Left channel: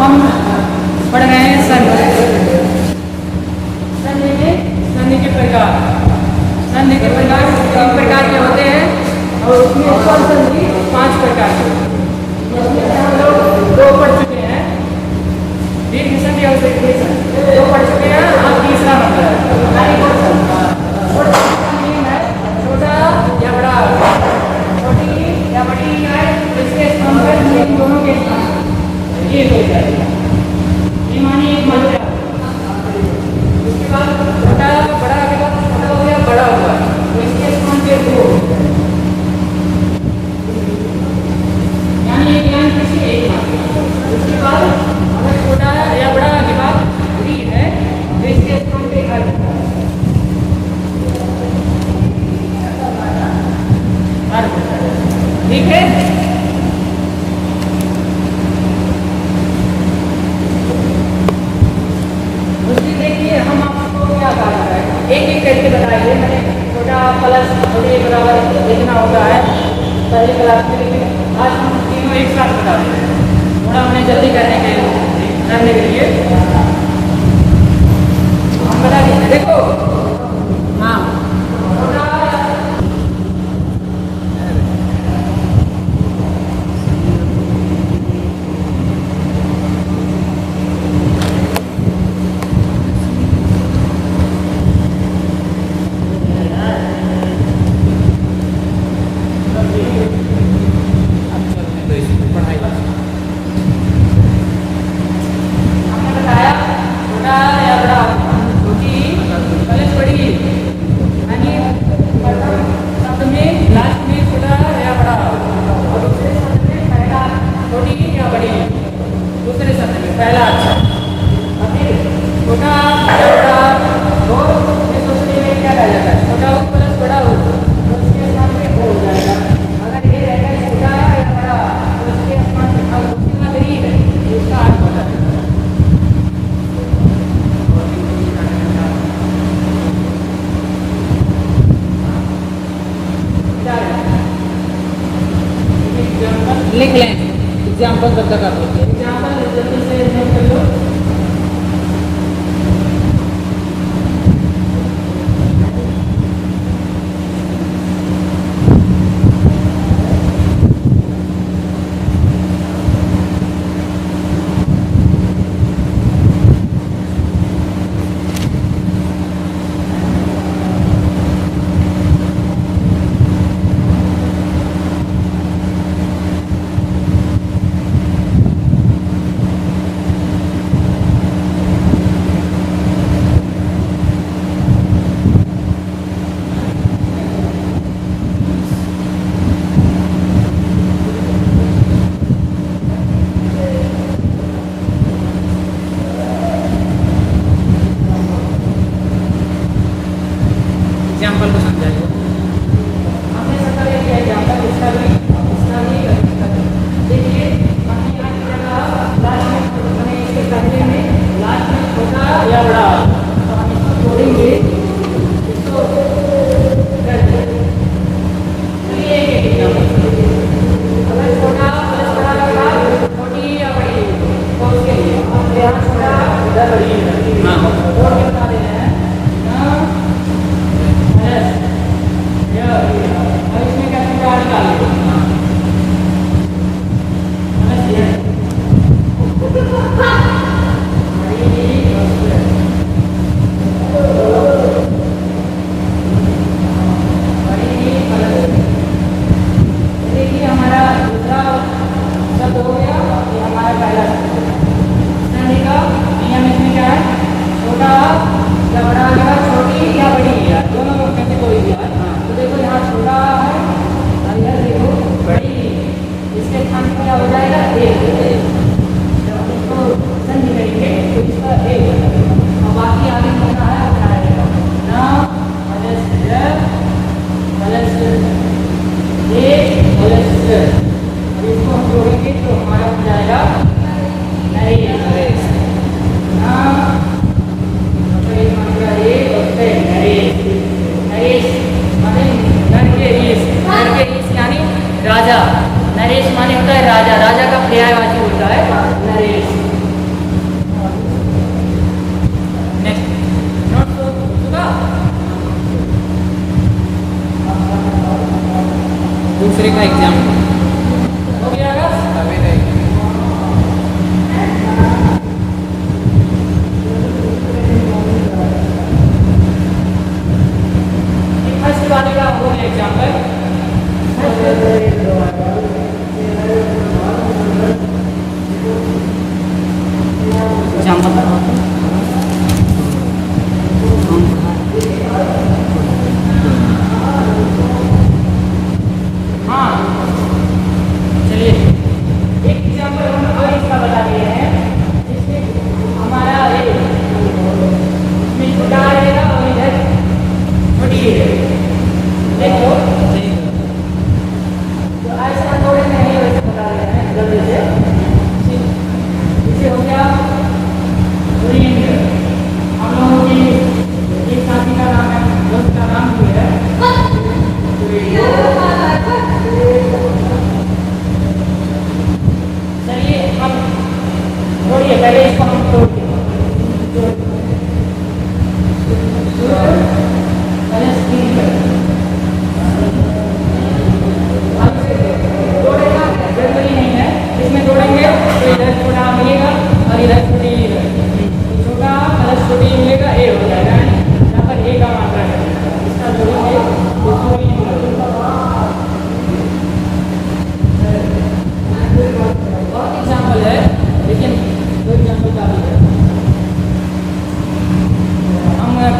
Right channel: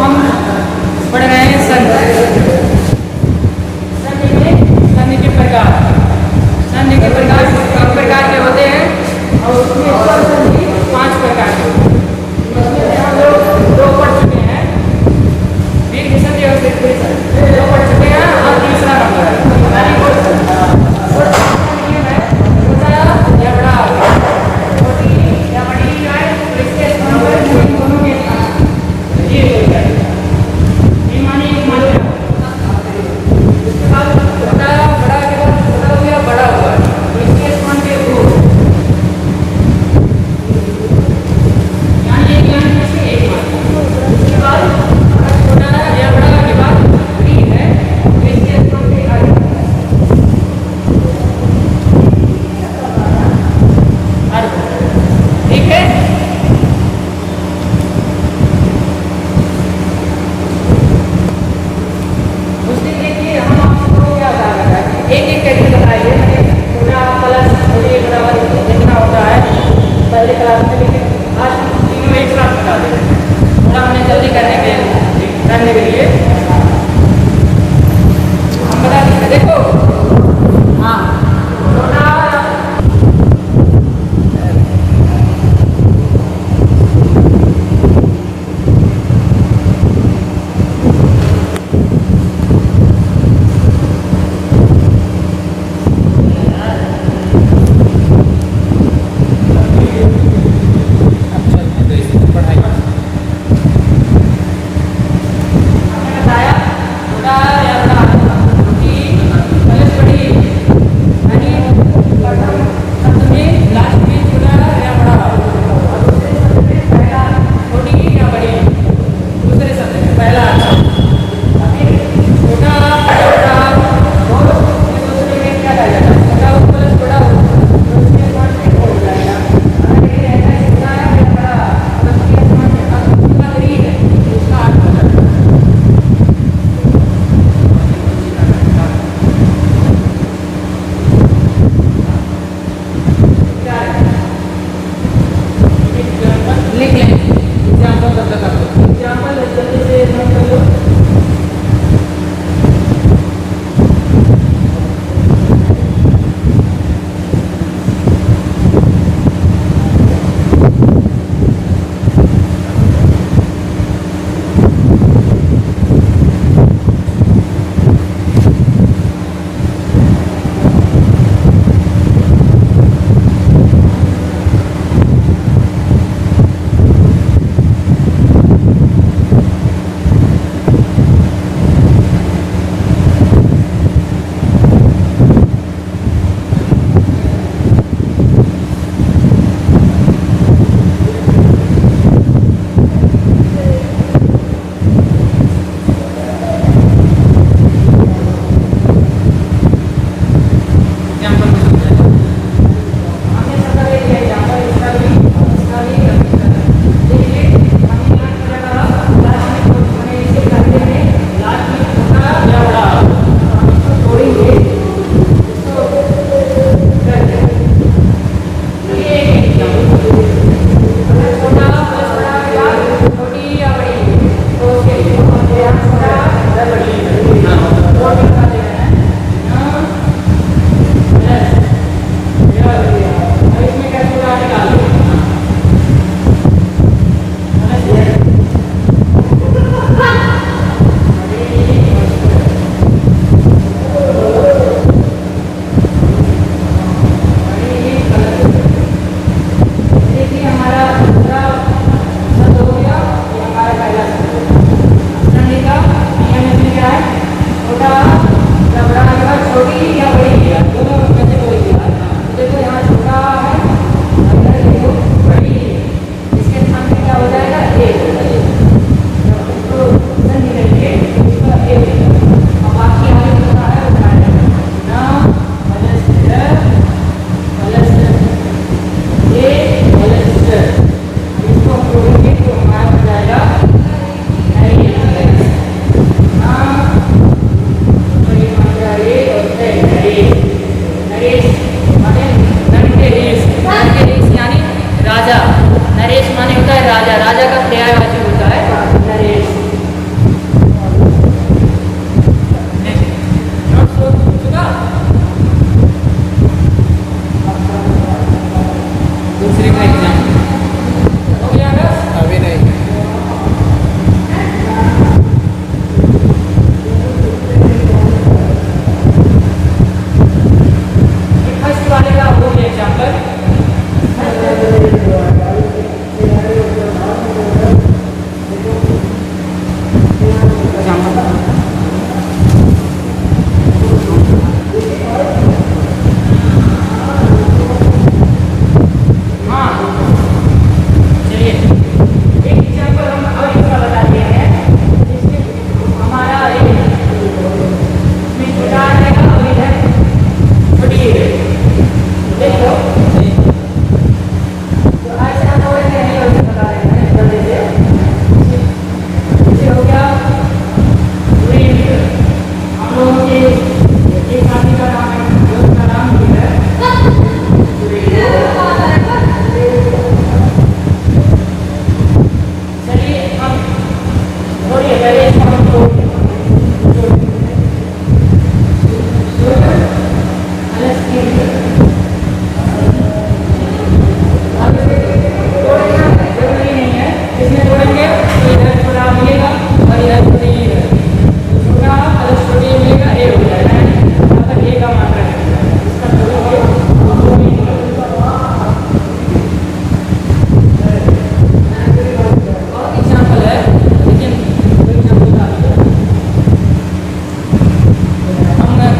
हम पढ़ रहे हैं संधि में संधि के प्रकार। संधि के प्रकार 3 प्रकार के होते हैं और उसमें स्वर संधि 5 प्रकार के होते हैं। इसमें से हम लोग 2 पढ़ चुके हैं, दीर्घ संधि और दीर्घ संधि 2 पढ़ चुके हैं। अब तीसरा नंबर है नियम है छोटा या बड़ा, छोटी या बड़ी आए तो इसके स्थान पर इन दोनों के स्थान ये हो जाएगा। ये मानिए एक मात्रा, उसके बाद छोटा बड़ा के बाद छोटा हो गया बड़ा हुआ तो इसके स्थान पे 2, यानी एक लाइन पीछे एक मात्रा। उसके बाद अगर छोटा या बड़ा के बाद बड़ी है तो इसके स्थान पे अर्थ, ठीक है। उसकी देखिए हम आपको क्या बता रहे हैं, एक एक करके बताइए। मैंने छोटा प्लस छोटे बराबर इतना होता है पहले क्लास में, लेकिन आज हम तीनों एक साथ बता दे रहे हैं। थोड़ा हमने जल्दी करने के लिए हम बता दीजिए। देखो हाँ, छोटा लिख लें। एग्जाम्पल तब तक आपको एग्जाम्पल जल्दी से नोट कर लो। राजा, नरेश माने होता है राजा, राजा का पर्यायवाची होता है नरेश। दूसरे का एग्जाम हो गया बस? अभी नहीं। एक फर्स्ट वाले का हो गया एग्जाम्पल।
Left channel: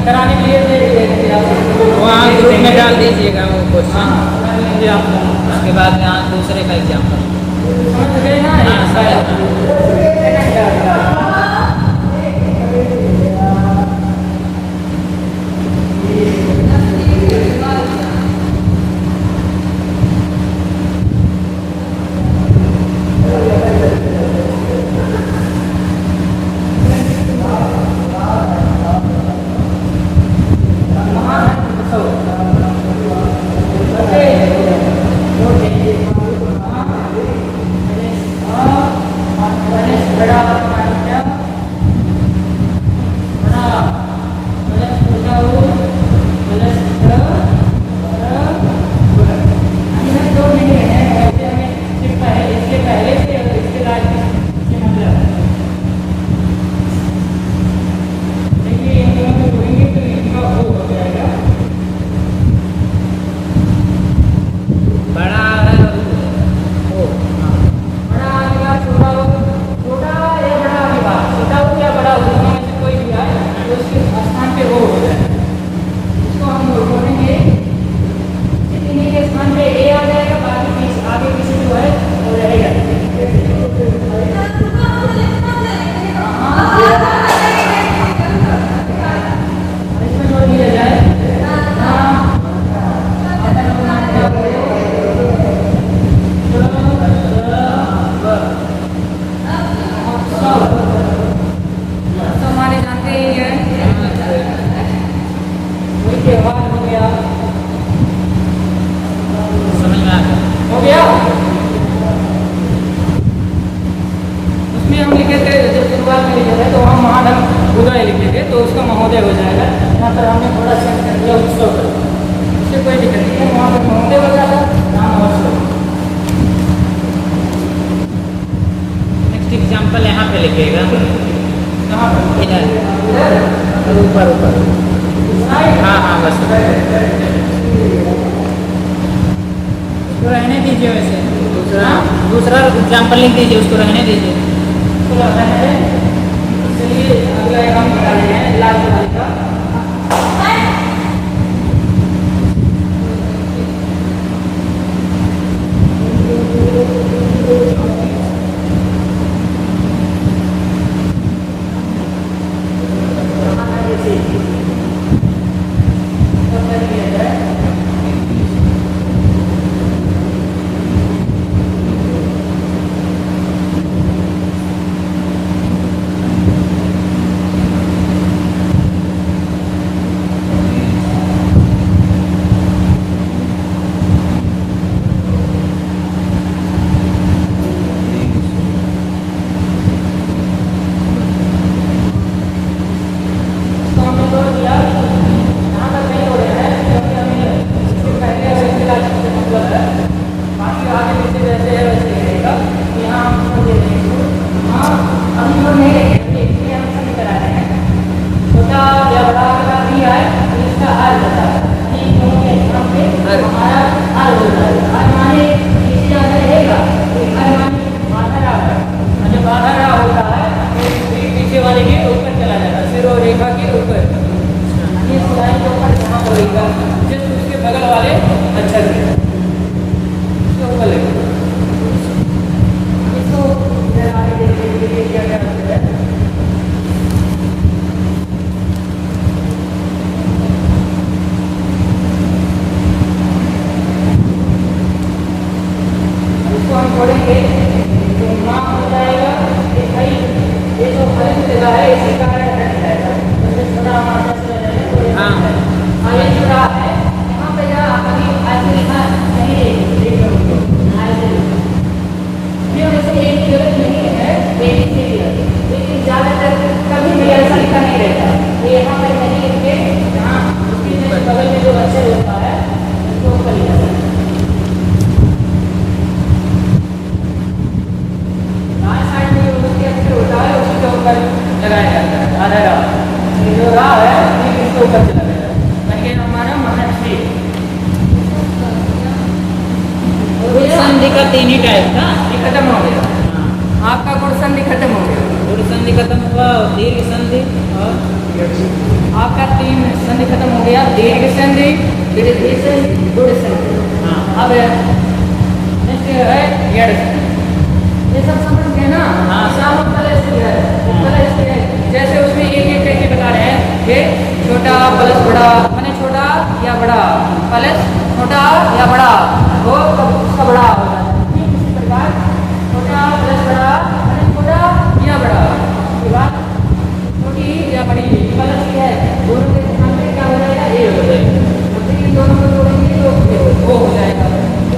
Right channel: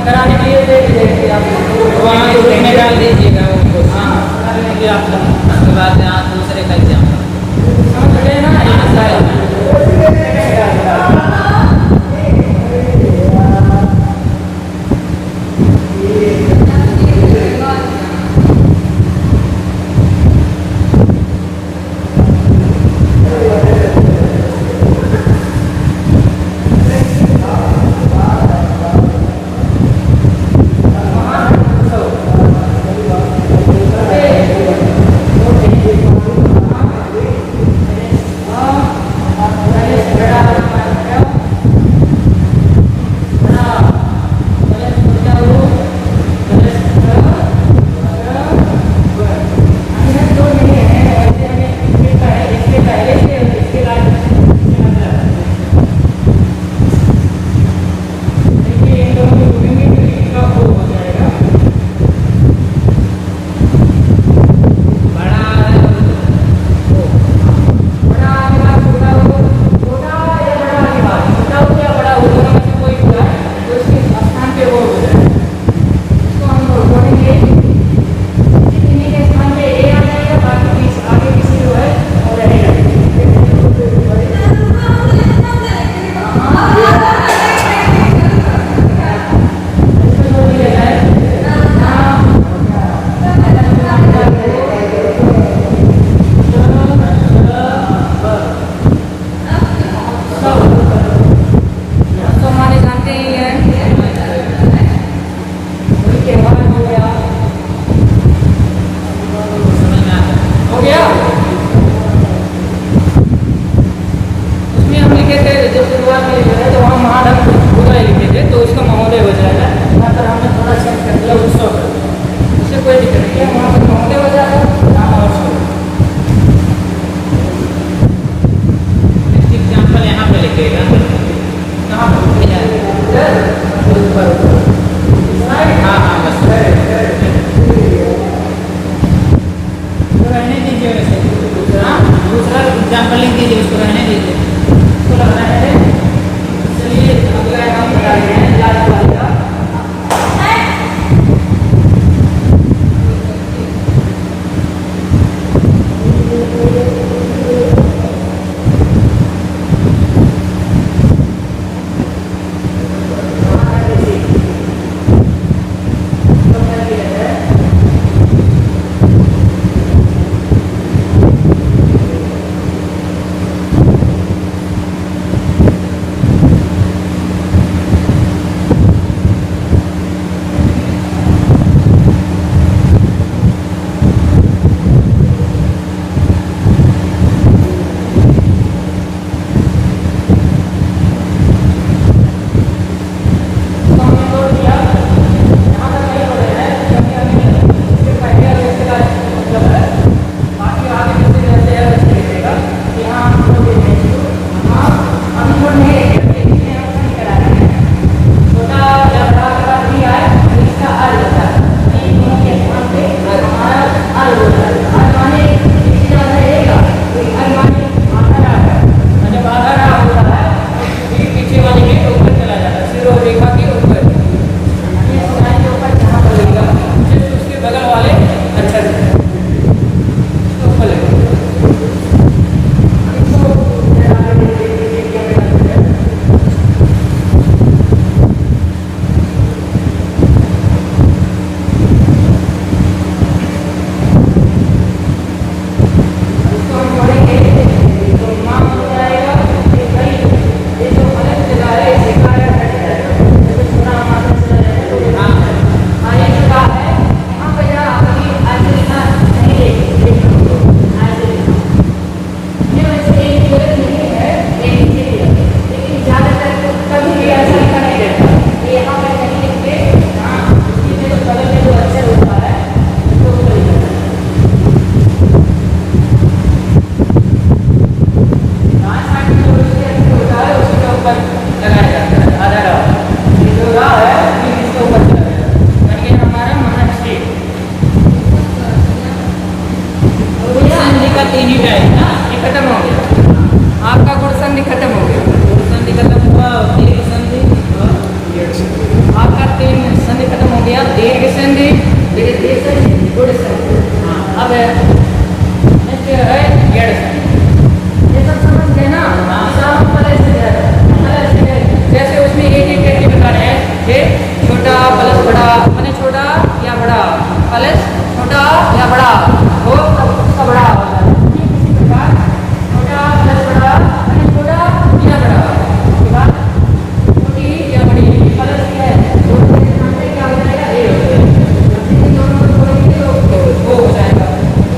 कराने के लिए दे दीजिए आप वहाँ ग्रुप में डाल दीजिएगा वो क्वेश्चन कर लेंगे आप लोग। उसके बाद यहाँ दूसरे का एग्जाम समझ गए ना? का 3 ही टाइप ना। ये खत्म हो गया, आपका गुण संधि खत्म हो गया। गुण संधि खत्म हुआ और दीर्घ संधि और आपका 3 संधि खत्म हो गया, दीर्घ संधि, वृद्धि संधि, गुण संधि। हाँ। अब next है यड़ संधि। ये सब समझ गए ना। हाँ। सामूहिक कलश है, जैसे उसमें एक एक करके बता रहे हैं कि छोटा प्लस बड़ा माने छोटा या बड़ा, प्लस छोटा या बड़ा हो तब उसका बड़ा हो जाता है। ठीक इसी प्रकार छोटा प्लस बड़ा माने छोटा या बड़ा, उसके बाद छोटी या बड़ी प्लस है, दोनों के स्थान पे क्या हो जाएगा, ए हो जाएगा। अब इन दोनों को जोड़ेंगे तो वो हो जाएगा,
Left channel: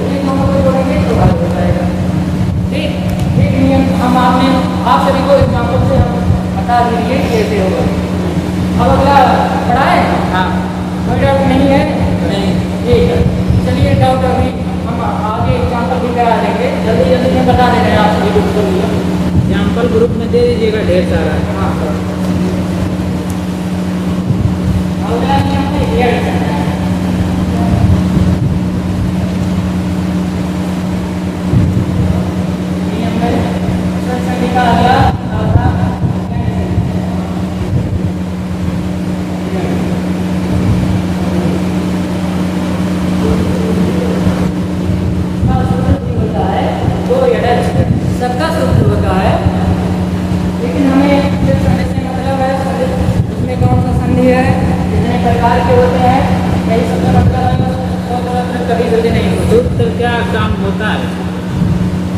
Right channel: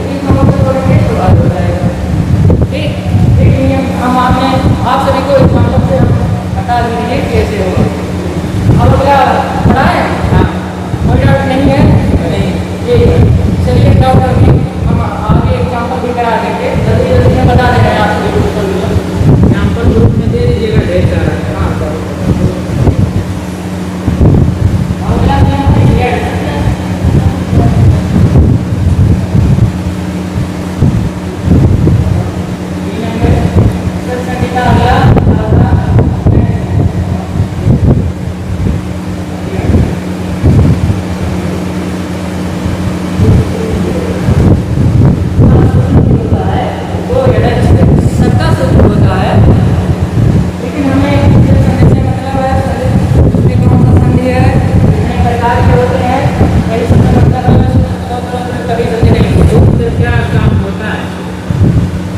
इन दोनों को जोड़ेंगे तो आर हो जाएगा। ठीक, एक नियम हम आप सभी को एग्जाम्पल से हम बता दीजिए कैसे होगा। अब अगला पढ़ा है। हाँ। कोई डाउट नहीं है? नहीं। ठीक है, चलिए डाउट अभी हम आगे एग्जाम्पल भी करा देंगे, जल्दी जल्दी हम बता दे रहे हैं आप सभी को। एग्जाम्पल ग्रुप में दे दीजिएगा ढेर सारा। हाँ सर। अगला नियम है यड़। नियम है संहिता अगला सबका सूत्र होता है, लेकिन हमें जो संधि से मतलब है, उसमें कौन सा संधि है, कितने प्रकार के होते हैं, यही सबका मतलब है। कभी जल्दी नहीं होती। सूत्र क्या काम होता है?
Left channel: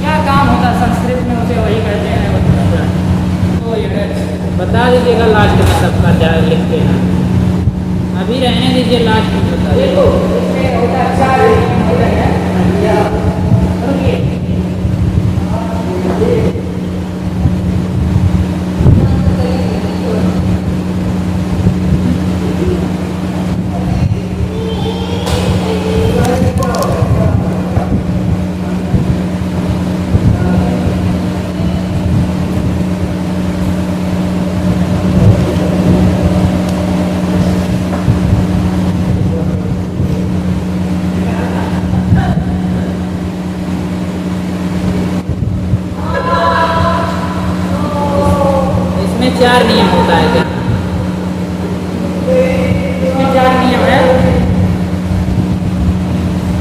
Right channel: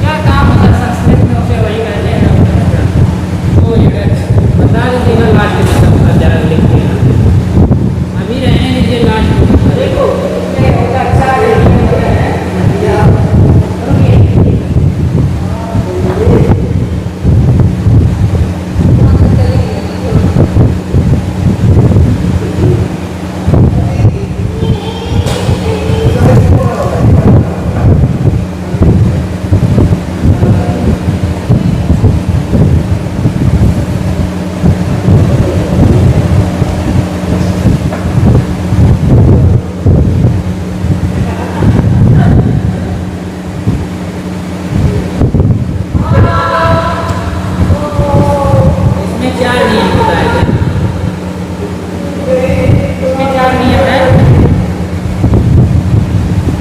क्या काम होता है संस्कृत में उसे वही कहते हैं। तो ये बता दीजिएगा लास्ट में सबका जा लिखते हैं। अभी रहने दीजिए लास्ट में बता दीजिए। देखो इसमें होता है 4 है। रुकिए, इसमें 4 नियम होता है क्या? इसमें 4 नियम है।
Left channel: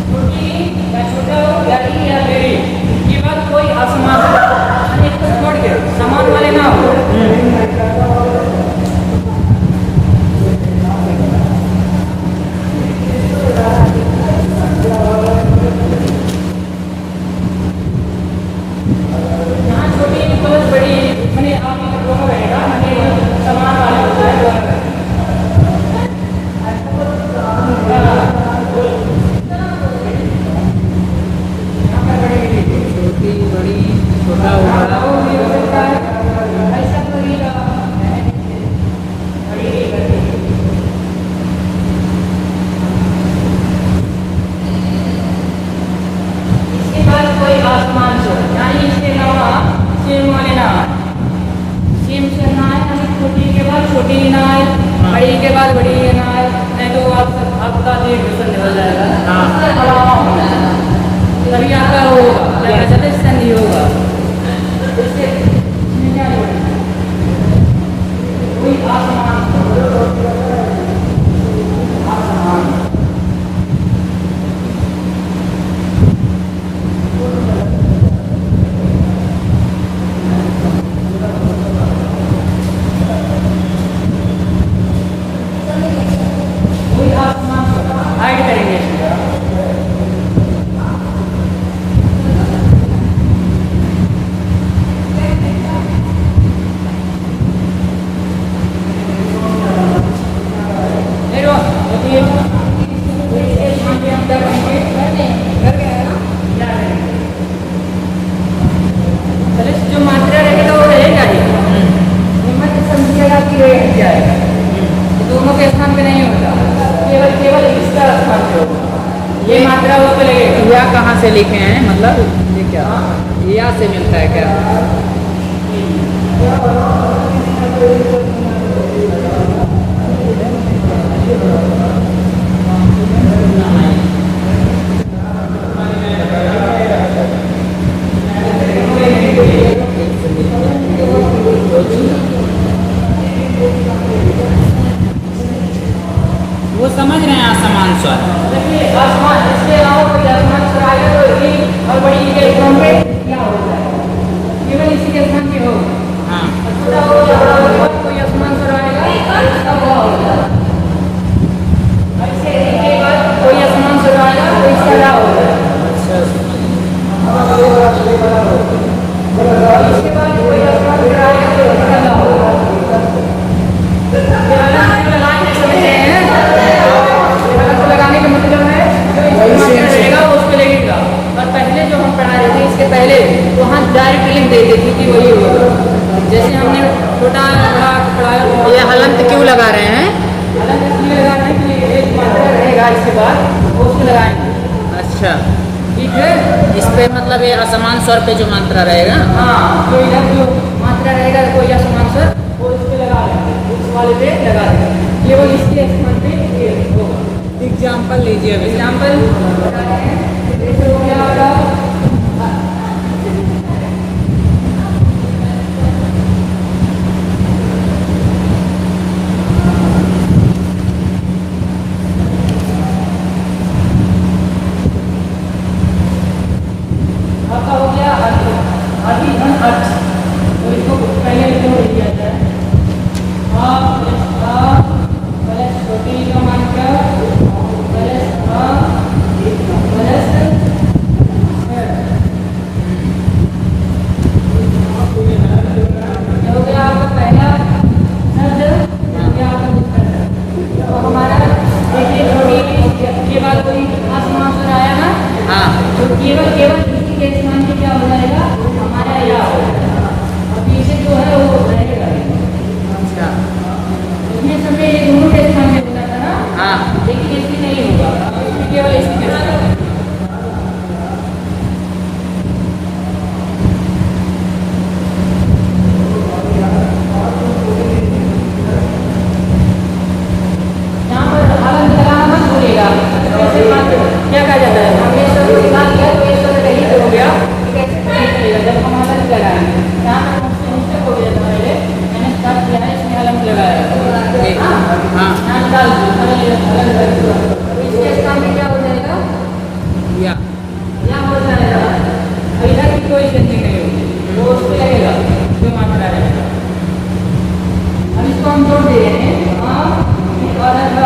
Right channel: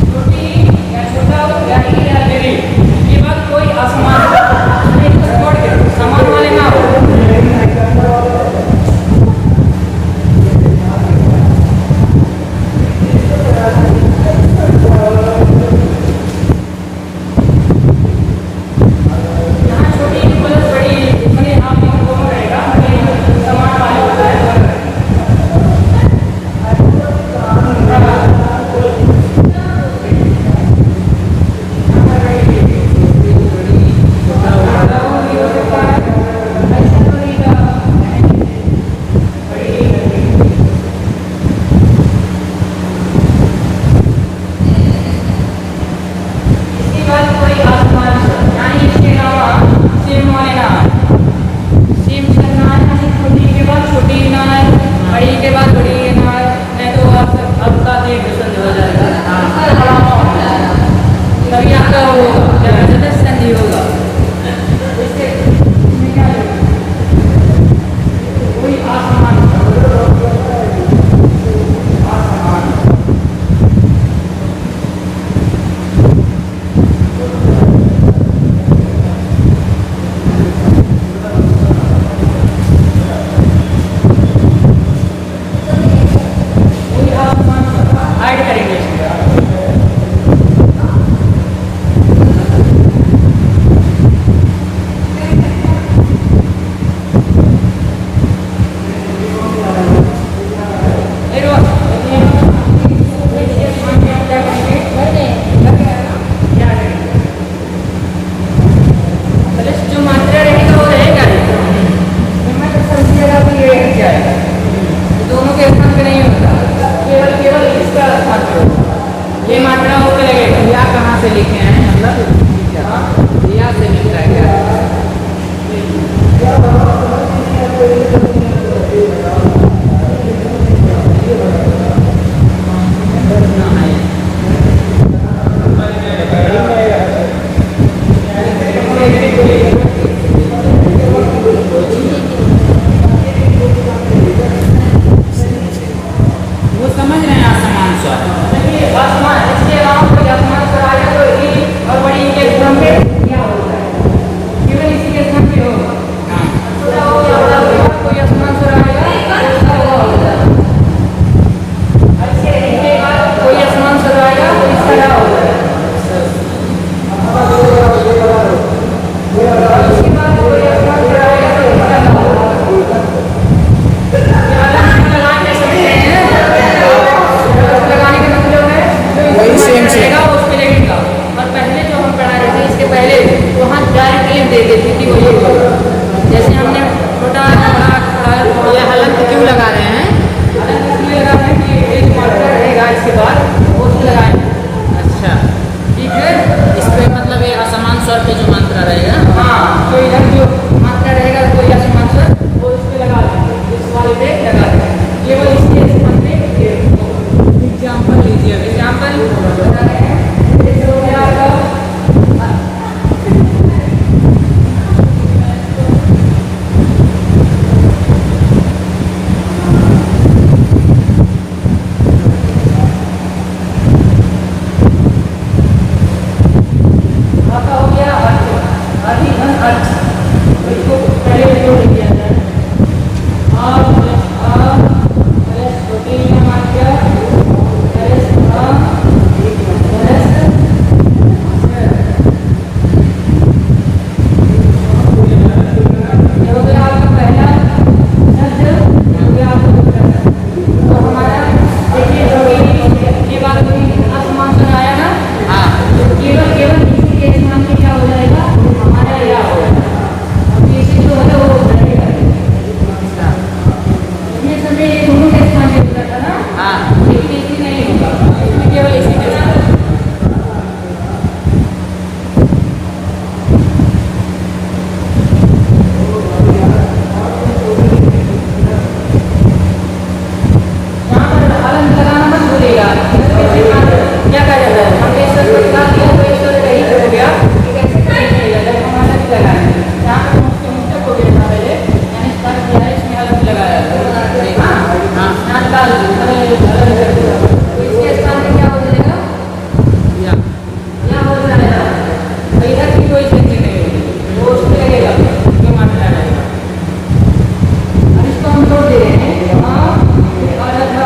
छोटी या छोटा हो, गहरी या गहरी, ये बात कोई असमान एक को छोड़ के समान वाले ना हो। यहाँ छोटी प्लस बड़ी माने आपके दोनों रहेगा, माने समान वाला होता है दोनों। छोटी बड़ी छोटा बड़ा। इसके बाद कोई आसमान से यानी इसके अलावा सेम वाले ना आए, सेम से ना आए, यानी छोटी के बाद छोटी ना आए, बड़ी के बाद बड़ी ना आए, नहीं तो आपका दीर्घ संधि हो जाएगा। हाँ। इसके अलावा तभी आपका होगा क्या कहते हैं, संधि होगा। इससे इसमें क्या होगा, कोई आसमान आसमान कोई आसमान हाइड करेंगे इसमें। जो मात्रा रहेगा वो रहेगा ही, हिम्मत समझिएगा कि ये हट जाएगा। ये दोनों के स्थान पे नहीं होता, केवल इसका स्थान पे होगा। ये मात्रा उस पे लगेगा। या कहाँ से लिखे हैं मतलब ये क्या? या से मिलता है क्या? स्वर है। देखिए आसमान, इसके अलावा कोई आसमान स्वर आएगा तो ई और बड़ी ई के स्थान पे क्या होता है? केवल इसी के स्थान पे होगा। हाँ छोटा हो या बड़ा हो कोई आसमान स्वर आएगा तो इसका हुआ होता है। और इसके ई के बाद कोई आसमान स्वर आएगा तो इसका ला होता है। और इसके बाद कोई आसमान स्वर आएगा तो इसका ला होता है। ये अलग लगाने के समय हैं लगाने का मतलब है जो सेम रहेगा उसको लगेगा। और पहले जो हम पढ़ा रहे थे इसके पहले तो वहाँ डायरेक्ट लिख देते थे कि वो ये हुआ। जैसे हमने छोटा बड़ा पढ़ा, ये हलंत क्यों लगा रहे हैं? अलग इसलिए लगा रहे हैं कि एक मात्रा रहेगा इसके बाद वो उसको लगाएंगे। अच्छा, ठीक है, इस पे मतलब ये असमान स्वर पे जो मात्रा रहेगा। हाँ तो इधर जो मात्रा रहेगा कोई असमान स्वर वो इस पे लगा लेंगे, इस वाले पे लगा लेंगे। ये वो इसके स्थान पे एग्जाम्पल लीजिए। एग्जाम्पल जैसे हो गया आपका आपका हो गया अर्थ, आदि धन अर्थ। तो इसको पहले जोड़ दिया जाए। आ प्लस छोटी का मान क्या प्लस आ प्लस ये हो गया आपका पहला शब्द, ये हो गया आपका दूसरा शब्द। तो हमारा देखिए छोटी के बाद कोई आसमान स्वर आया ना, हाँ तो केवल इसी के स्थान पे क्या हो जाएगा हमारा या हो जाएगा। अभी इसे जो है वो रहेगा। अच्छा, इसमें समय ये दोनों के स्थान पे होता था ना, हाँ लेकिन इसमें नहीं होगा, इसमें केवल इसी के स्थान पे। यहाँ पर हलन लगाना मत भूलिएगा। कैसे क्या कहा जाता है, हमने ईश्वर को निकाल दिया तो ईश्वर रहित हो गया, कैसे करिएगा जब हम हलन लगाएंगे। यहाँ पर मुझसे मिस्टेक हो गया था पहले, मैंने स्टार्ट किया है इसमें हलन लगाया। हाँ हाँ यहाँ निकाल हलन तो इसके स्थान पे क्या हो जाएगा या या हो जाएगा। तो इधर की कोई चेंजिंग नहीं होगी, वो उस पर लगेगा जो मात्रा रहेगा। अब इसको हम जोड़ दे रहे हैं और अच्छा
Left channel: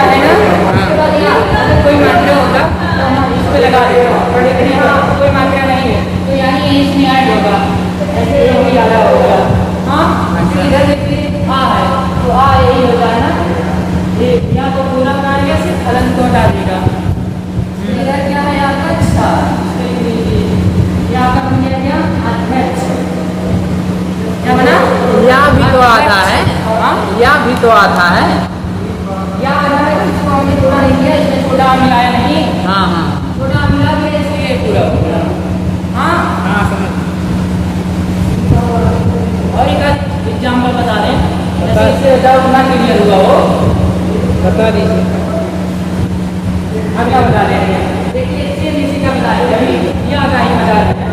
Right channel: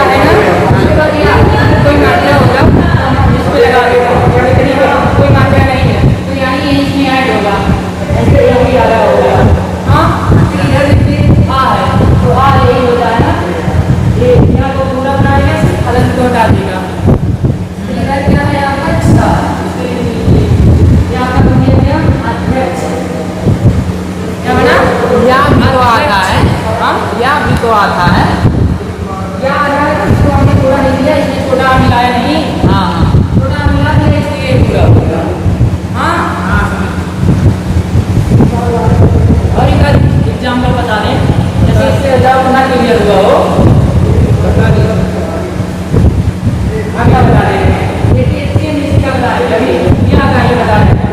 है ना। उसके बाद यहाँ अगर कोई मात्रा होगा तो हम इस पे लगा देते हैं, लेकिन यहाँ कोई मात्रा नहीं है तो यानी ये इसमें ऐड होगा, ऐसे ये भी आ रहा होगा। हाँ फिर इधर देखिए आ है तो आ यही होता है ना, ये यहाँ को पूरा बनाएगा सिर्फ हलन को हटा देगा। फिर इधर क्या है आपका अच्छा, इसको लिख लीजिए। ये आपका बन गया क्या अध्यक्ष, क्या बना या भी तो आता है। हाँ या भी तो आता है। या आ रहा है तो इसको हमने थोड़ा नहीं दिया, इसमें छोटा मिलाया नहीं, हाँ हाँ छोटा मिला दिया इसलिए पूरा हो गया। हाँ हाँ समझ। और एक एग्जाम्पल बता दें, जैसे इससे डाउट ना क्लियर हुआ हो, बता दीजिए। हम क्या बता रहे हैं, देखिए सेम इसी का बता रहे हैं। अभी ये आगा ही बता रहे हैं,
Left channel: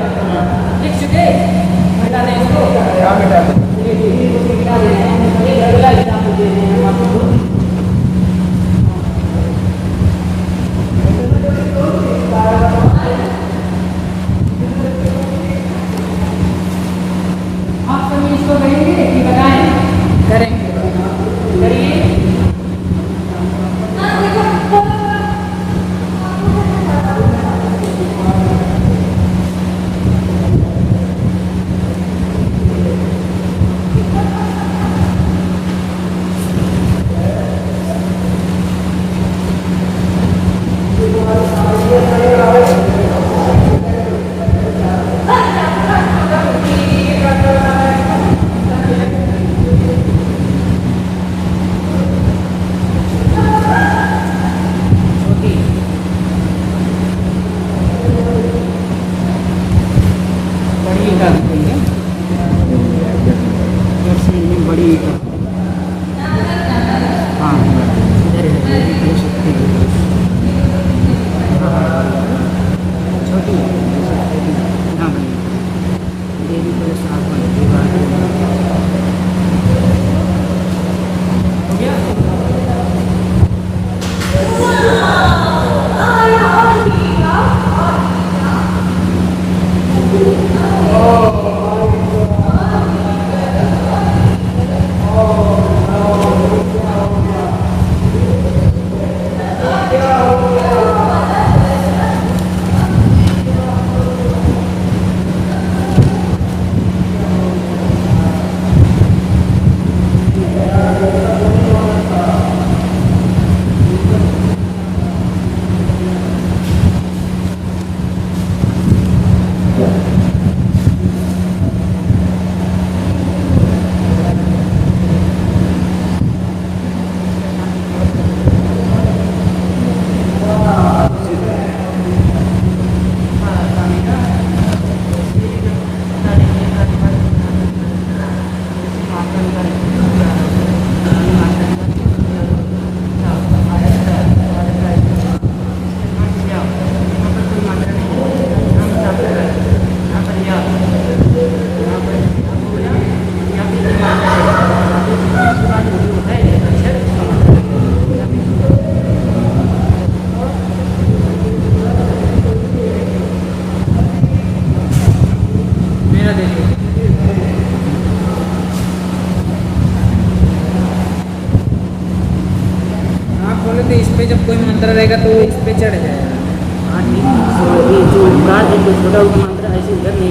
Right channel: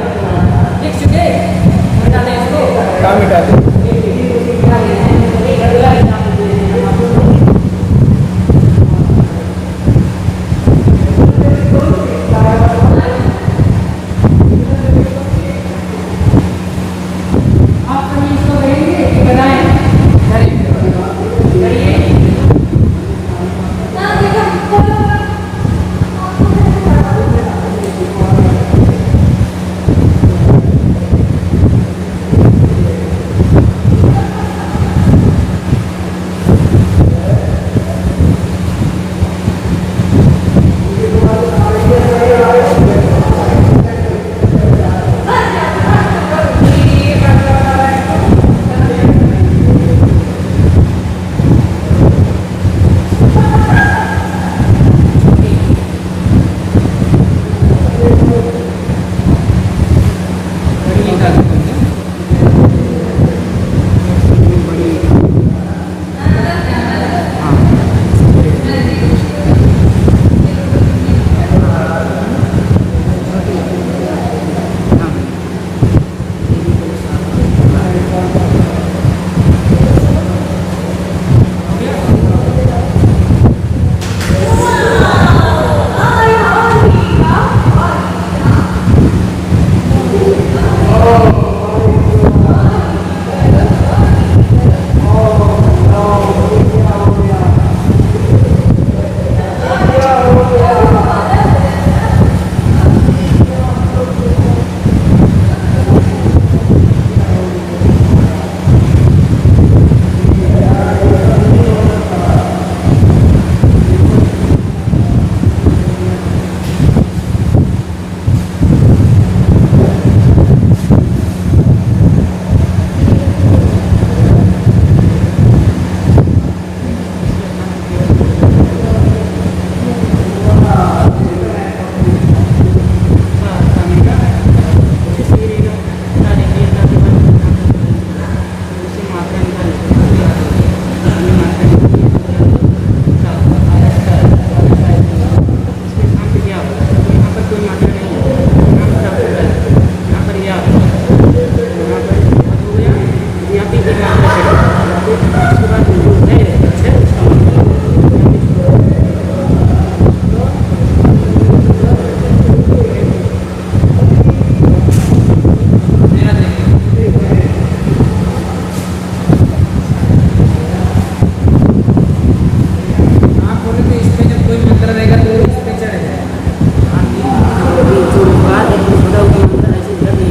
लिख चुके, मिटा दें इसको, क्या मिटा दें? ये देखिए इसको मिटा दे रहे हैं। एक अगला एग्जाम्पल दे रहे हैं हम आपको। आप कभी इसको करेंगे कि बताएं? करेंगे, करिए।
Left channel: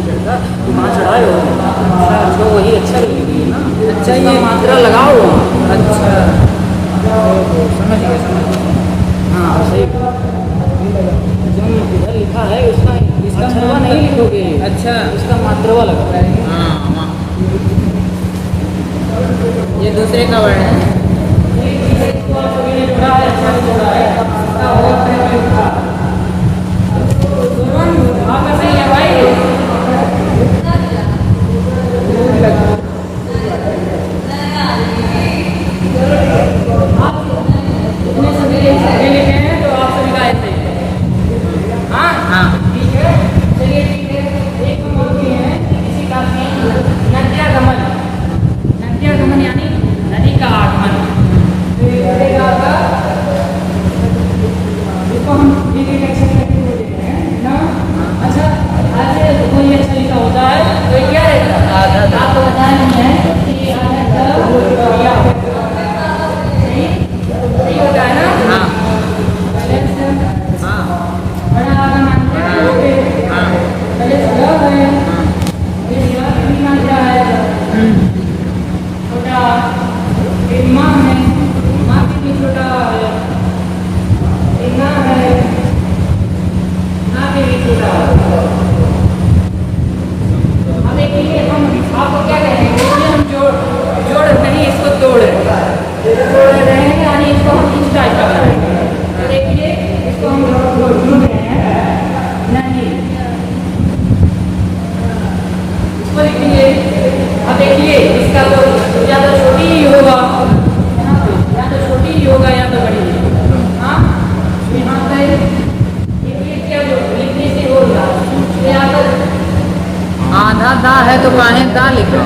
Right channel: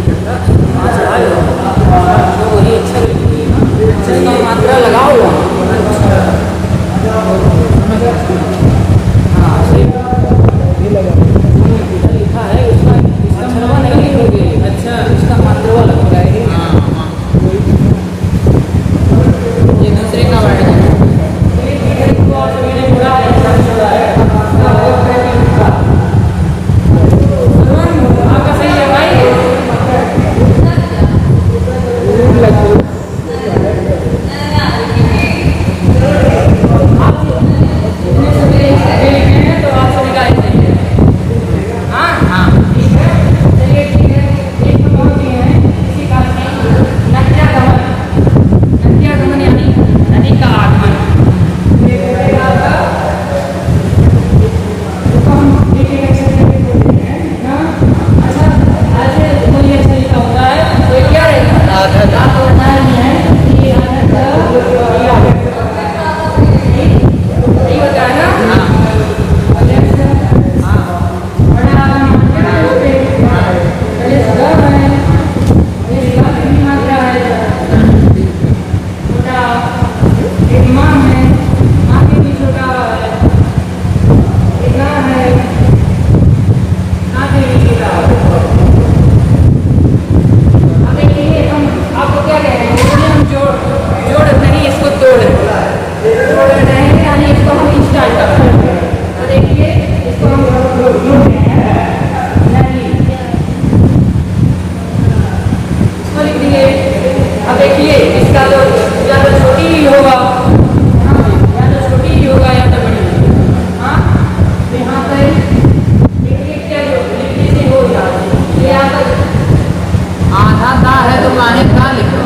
तो वही अच्छा लगेगी ना, अच्छा ही मात्रा लगाओ। अच्छा हाँ ऐसे इधर लिखा है उसका, इसका मात्रा नहीं लिखोगे। अच्छा उसका मात्रा लगता है। हाँ हाँ ये दूसरे का वर्ण है। इसको आप सभी ने जोड़ा है, अच्छा भी जोड़ा है। इसका और तरह की लिखा। सुमन आपका सही है भाई। आप इतने सभी ये लिखे हैं तो आप सभी का ऐसे ही है। हाँ हाँ ठीक है, चलिए ठीक है। एक हम और किए हैं इसी का नद्यागमन। नद्यागमन यानी नदी का आगमन। तो एक बोलेगा आपका, इसको हम एक एक अक्षर करके बोलते हैं ना। अच्छा ऐसे कोई अच्छा लिखा होता है तो ये क्या रहता है? आपको बताया नहीं है कि ये आधा सही होता है ना। हाँ पहले से हाँ बड़ा आगमन क्या है उसपे? पहले से ग है, ये ग की भी मात्रा है। छोटा एक माँ है, माँ के भी छोटा है। एक ना है, ना के भी छोटा है। अब देखिए हम आपको क्या कह रहे हैं, इसमें हम जोड़ नहीं, इसको तोड़ रहे हैं। जोड़ रहे हैं यानी इसको हम इस टाइप का बनाएंगे। तो देखिए इसको हम जोड़ रहे हैं नहीं, इसको लिख देंगे। अब देखिए इसका तो या तो छोटी ही होगा, या तो छोटी ही होगा या तो बड़ी। हाँ यहाँ पर देखिए क्या जो लिखने से हो रहा है, यहाँ पर आधा दा है तो माने दा लिखो।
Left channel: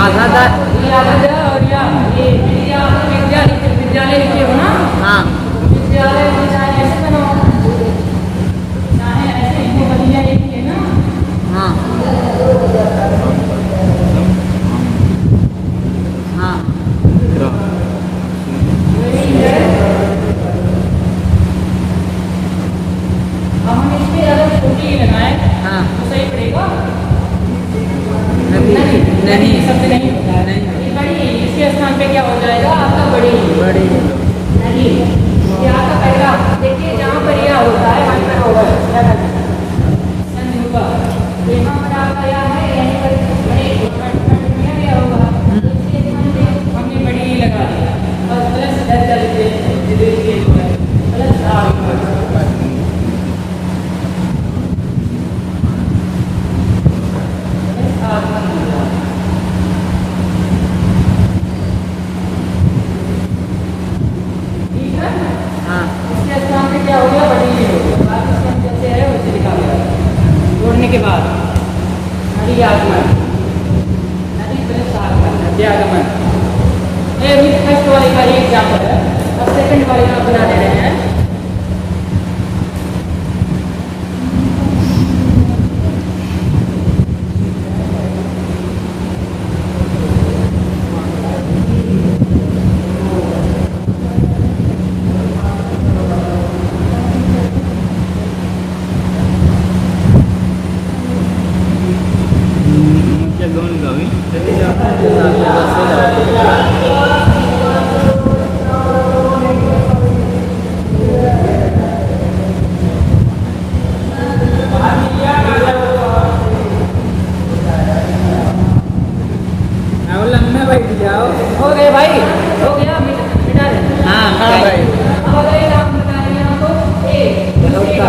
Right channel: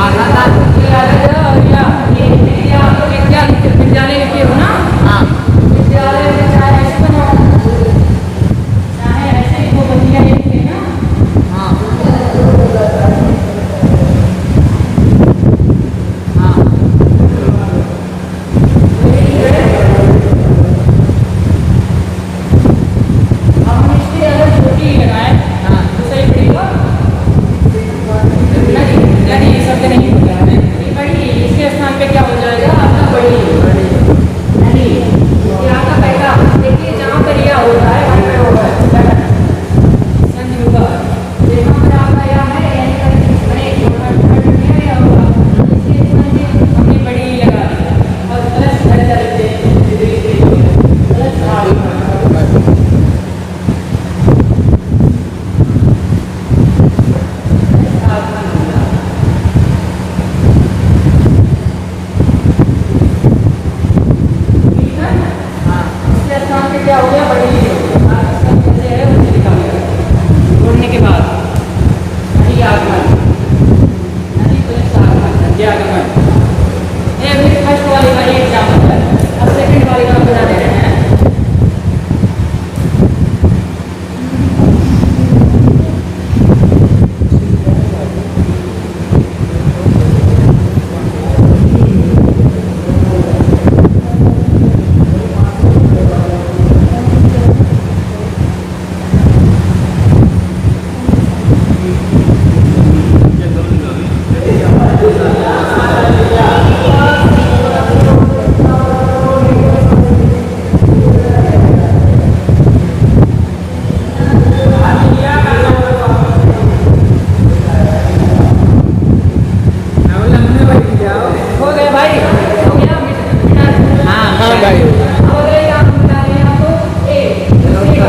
आधा दा ये आधा द और या ये विद्यालय लिखे हो ना। हाँ विद्यालय में चाहे ऐसे बनाओ, चाहे ऐसे लिखो, बदिया लिखे ना। हाँ हाँ वही है। अब हम इसके अगर छोटी ही लगाए हाँ तो सही पड़ेगा। नदी नदी शब्द नहीं होता है, ये बड़ी, इसके स्थान पे क्या हो जाएगा आपका बड़ी नदी। ये आपका पहला देखिए जहाँ पर यह होता है वहीं पर होगा क्या करना है? संधि होगा। तो यहाँ पर आपका यह है, यानी पर बड़े में यह होगा। इसके स्थान पे हमने बड़ी लगा दिया और प्लस दर्जा लिखते हैं, जो है प्लस आगमन। ठीक है, इसके स्थान पे क्या हो गया, बड़ी ही हो गया। बात इसका कैसे है वैसे लिखा गया जोड़ने के बाद। नदी आगमन, नदी प्लस आगमन, नद्यागमन। ये भी फर्स्ट वाले का ही एग्जाम्पल है और सेकंड वाले का बता रहे हैं। हो गया भाई, हो गया मिटा दे। हाँ कर गए अब अगर ये आप बता दें आपको ए दूसरे का,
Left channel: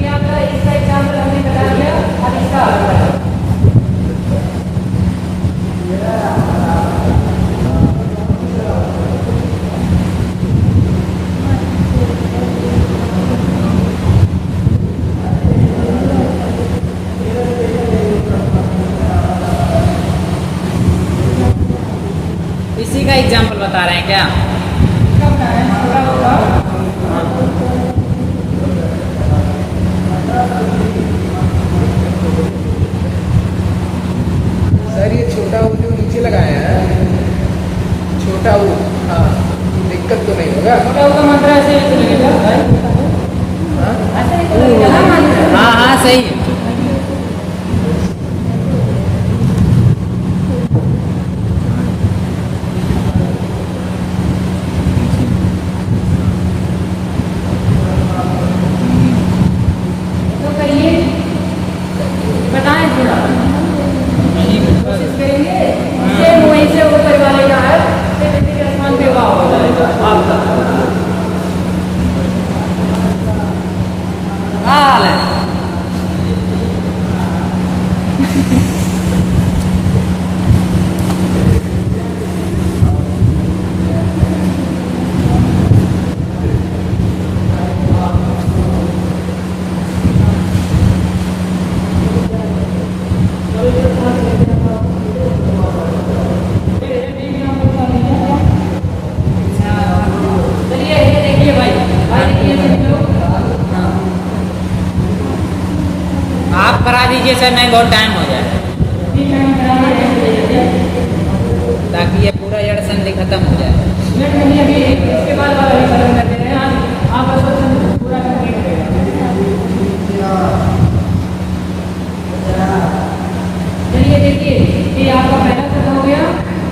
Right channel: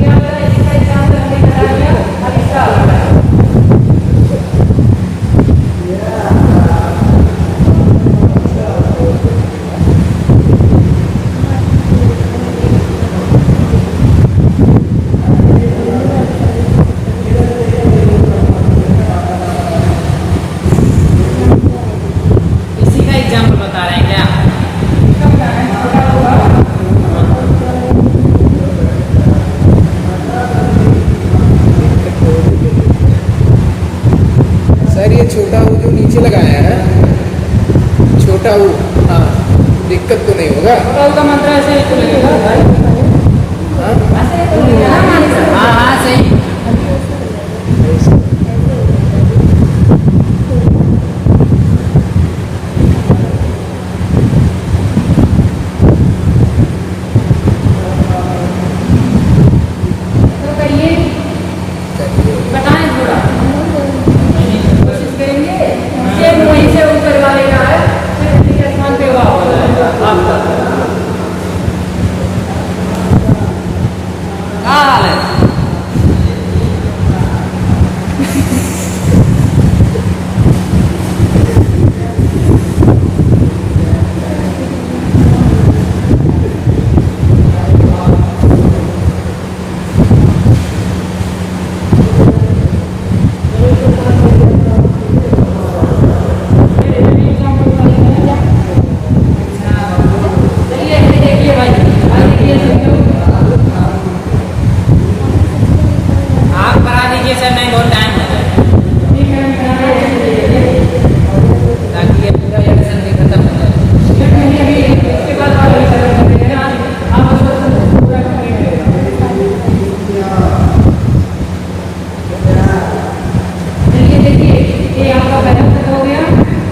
ये आपका इसका एग्जाम्पल हमने बता दिया। अब इसका अलग बताओ। इसी का एग्जाम्पल बता रहे हैं क्या? इसका बता रहे हैं छोटा होगा। सर ये छोटा वो जो नीचे लगाया है, छोटा वो, हाँ दिक्कत तो नहीं होगा? छोटा का मंत्र ऐसे ही तो लगेगा भाई, हाँ ऐसे नहीं तो लगेगा ना मानी सर। हाँ हाँ सही चलिए ये देखिए भाई देखिए समझो। आप करा दीजिए सर, नहीं बहुत टाइम हो जाए, ठीक है हम करा रहे हैं। ताकि ये पूरा जड़ संधि खत्म हो जाए। ये नहीं अभी इसके बाद आप अभी खत्म कर देते हैं। आज आपका क्वेश्चन पूरा कंप्लीट रहेगा। चलिए देखिए ये आपका पहला शब्द हो गया,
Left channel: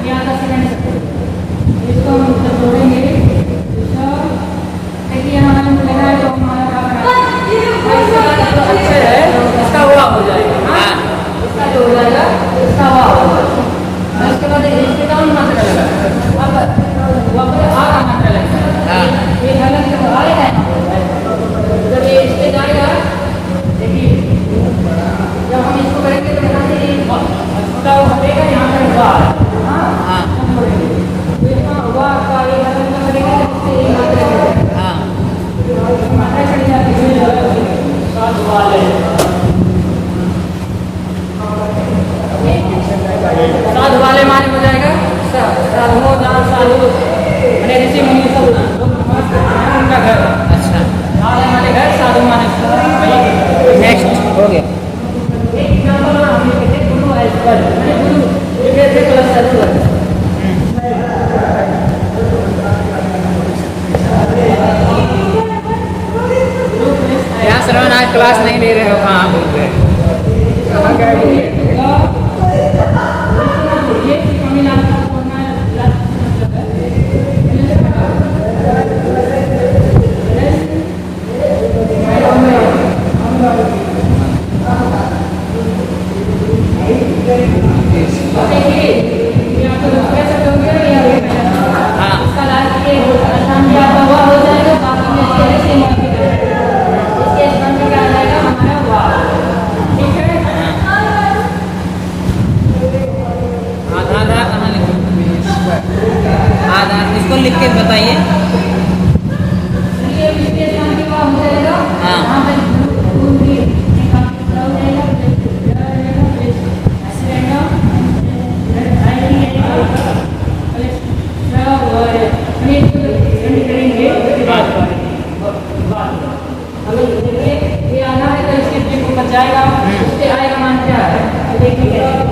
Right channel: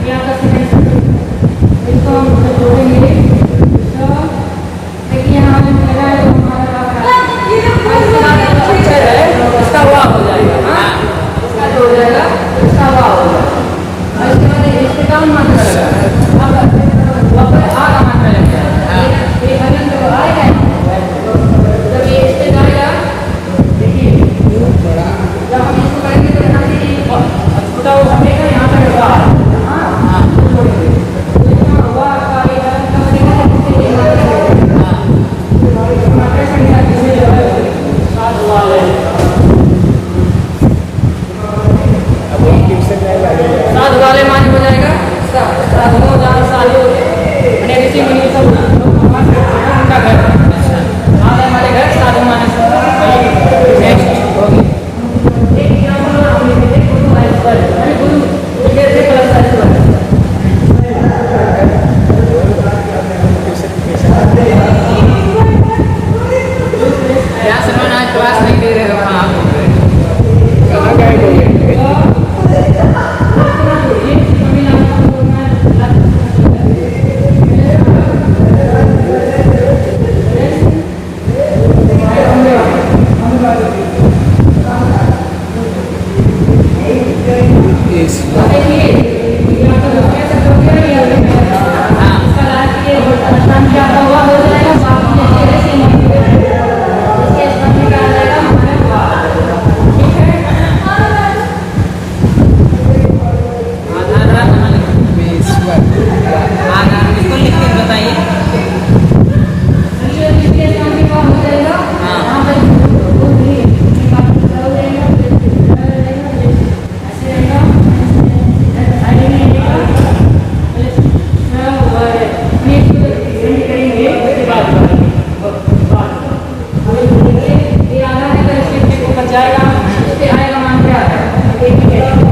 ये आपका सेकंड शब्द हो गया। इसको हम जब जोड़ेंगे तो देखिए यहाँ हमने लगाया तो हमारा क्या बना इसके बाद जो अक्षर है इसका वाह हो जाएगा। हाँ इसका जो हो जाएगा इसका वाह हो जाएगा। और इसके बाद एक इसके का मात्रा लगा अब वहाँ पर आ का मात्रा लग जाएगा। ये हलन जब आएगा जब ये इस पे जाएगा देखिए जब हम इसको करेंगे तो यहाँ से छोटा वो हटेगा, यहाँ पर हुआ है। हाँ जोड़ेंगे तो इतना हुआ का ये हलन का करेगा जब इससे एक मात्रा लगेगा। इसकी मात्रा चढ़ जाती है जो है सात वाले साधु वाले माने हो जाएगा साधुओं जहाँ साधु मैंने ऋषि मुनि सब लोग नमाज करते हैं उनका घर। अच्छा आधे माने घर साधु माने वही नेक्स्ट हो गया। एक एग्जाम्पल हम लिखेंगे गुरु ऐश्वर मैंने गुरु लिखे थे प्लस ऐश्वर। यहाँ सर आप क्लास नहीं ले रहे हो, हाँ ये तमिलनाडु का बोलना देखिए ये आपका दूसरा शब्द हो गया। ये अभी इसका लास्ट ये आसान भी आपका हुआ हो जाएगा। बाकी जैसे है सेम इसके स्थान में क्या आ जाएगा हमारा हुआ। ठीक है आधार कहाँ लिखा? आधार इसको लिख के बताइए। ये इसके स्थान में क्या हो जाएगा। हाँ। यहाँ पर गुरु भी हो जाएगा ऐसे रहेगा करेंगे उसके बाद ये आना है तो इसके पीछे को बच जाएगा। उस पर आएगा मान क्या है देखिए कैसे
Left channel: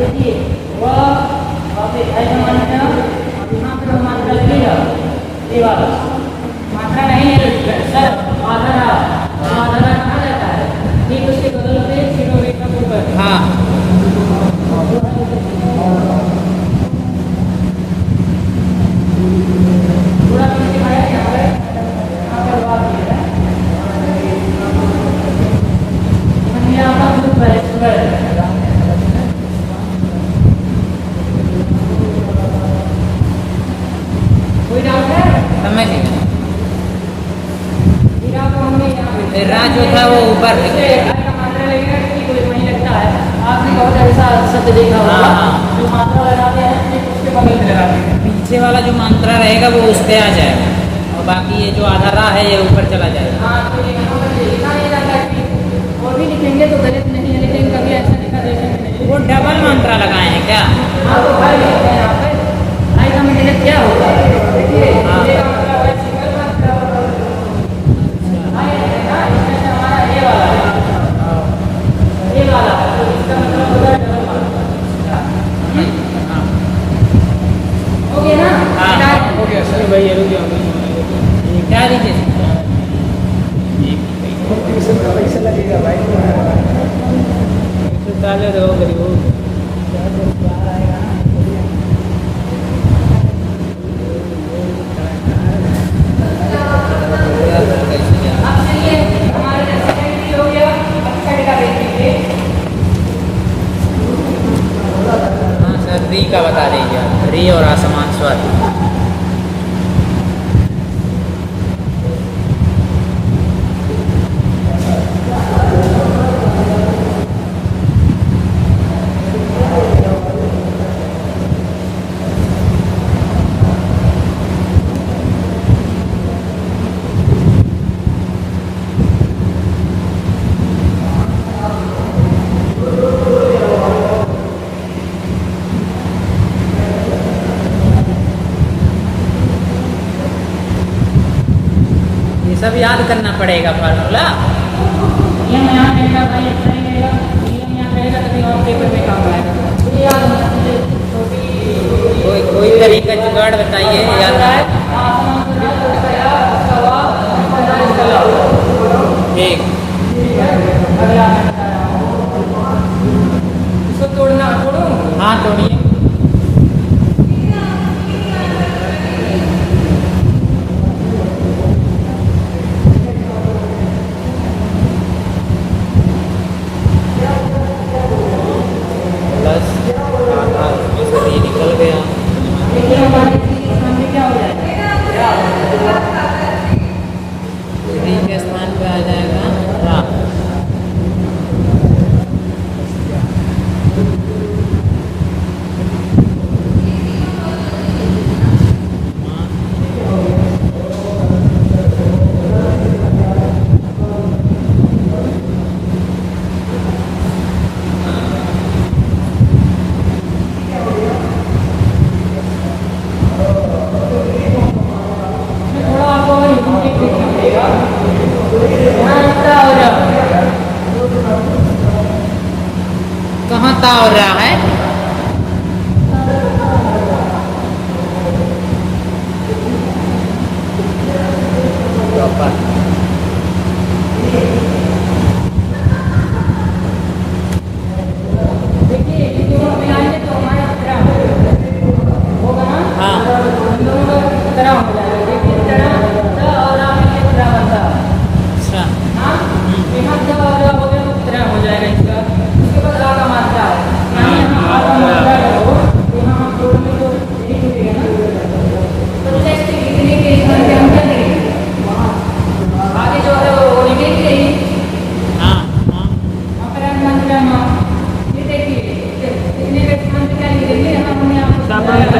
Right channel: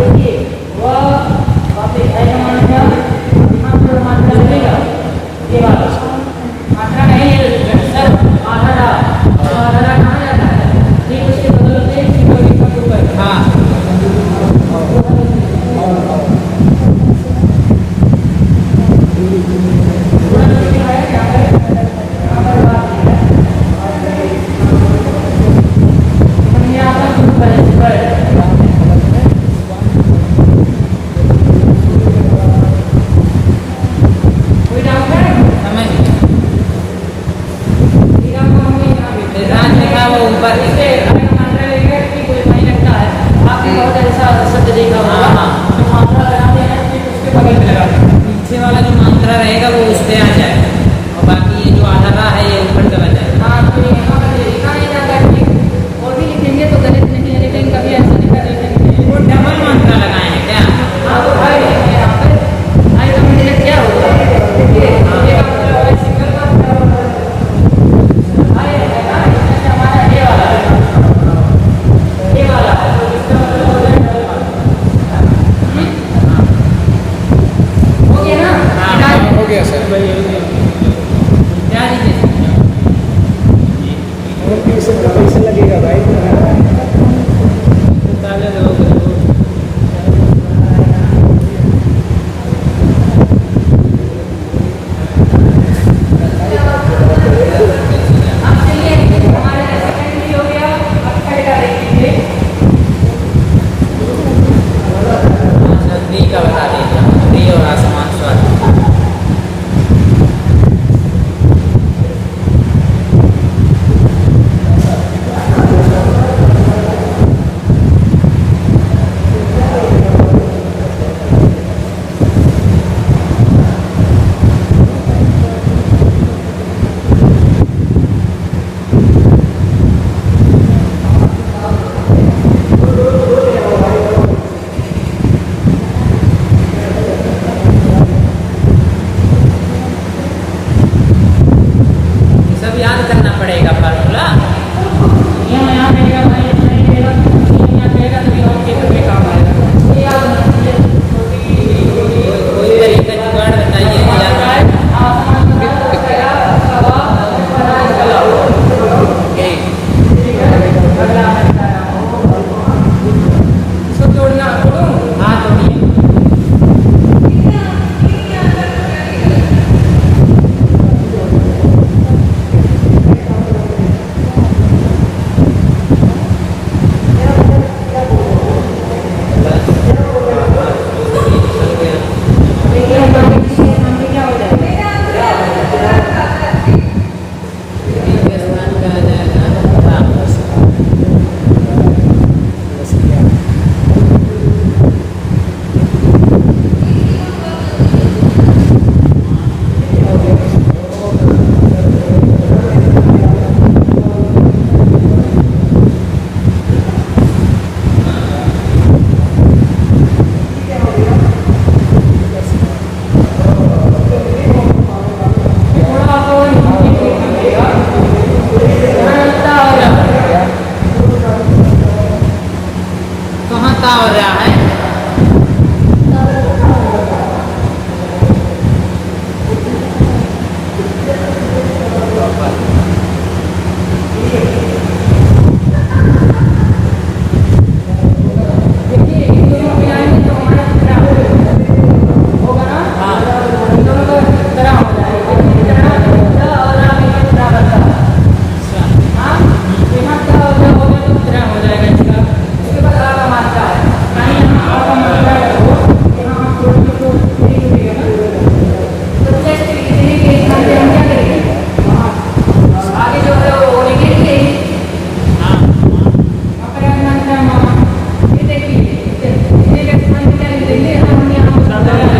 देखिए वह वापस आएगा मान क्या यहाँ पर मात्रा लगेगा ये वाला मात्रा नहीं है सर आधारा। तो आधारा कहाँ जाता है ठीक उसके बगल पे सिनोरी का ऊपर। हाँ थोड़ा सा क्या है यहाँ पर बात है यहाँ पर ग्रुप है इस पर कोई डाउट है समझ हीरा को हमने यहाँ पे राज होता वो ऊपर इससे आएगा मात्रा लगेगा कि कोई वहीं लगता है। आपने बहुत ऐसा शब्द देखा होगा हाँ। जो मात्रा लगाते हैं फिर उसके बगल में लगाते हैं। पीछे वाला जो मंत्रा रहेगा वो उस पे आ जाएगा और बाकी ये जो आधारा है ये ऊपर चला जाएगा। हाँ तो ये यहाँ पर लिखा नहीं जाता है और भी लिखेंगे तो गलत नहीं है लेकिन कभी ऐसा नहीं कर देते। वो डबल मंत्रा लगाए हैं क्या? हाँ तो भाई यहाँ पर भाई का मतलब क्या होगा देखिए ये मात्रा वाला सिंगल मात्रा भाई रहेगा इसमें हमारा ये वाला है तो इसका मतलब हो जाए डबल मात्रा। हो गया ना। हाँ हो गया सर। क्या दीजिए ट्यूशन का पैसा लगेगा भाई। अब चलिए हमारे सेकंड भी हो गया। अब थर्ड का देखिए री का बता दीजिए, री और असमान स्वर। फार्मूला यहाँ कहेगा भाई अच्छा ही कहेगा, यहाँ कहेगा तभी और पेपर में काम आएगा। ये याद होना चाहिए। कोई तरीका जुगाड़ बताइए यार। आसमान पर हवा कला। ठीक है, अगला मैं बता रहा हूँ। इसको तोड़ना, तोड़ूं? हाँ तोड़िए। देखिए हमारे स्थान में क्या हो जाएगा? स्थान का आ जाएगा। थोड़ा आपको हिंदी देखना पड़ेगा। यहाँ ता हो रहा है। कहाँ ता हो रहा है? देखिए इन दोनों मिलाएंगे तो हमारा तरह होगा ना? हाँ। इन दोनों का तरह हो जाएगा। देखिए तरह और राम के तरह बनता है। अच्छा। हाँ, यहाँ तरह और राम हो गया तो तरह हो जाएगा इसका। उसके बाद आ का मात्रा है, यानी यहाँ आ का मात्रा करो, यहाँ हम तोड़ेंगे तो नहीं टूटेगा ना। तो चेस्ट इतने के स्थान पे हम क्या करेंगे? आगे जो है वो लिखेंगे। हाँ अपराध मात्रा माँ, ये देखिए इतने के स्थान पे क्या लिख देंगे? यहाँ हमने आपको बताया है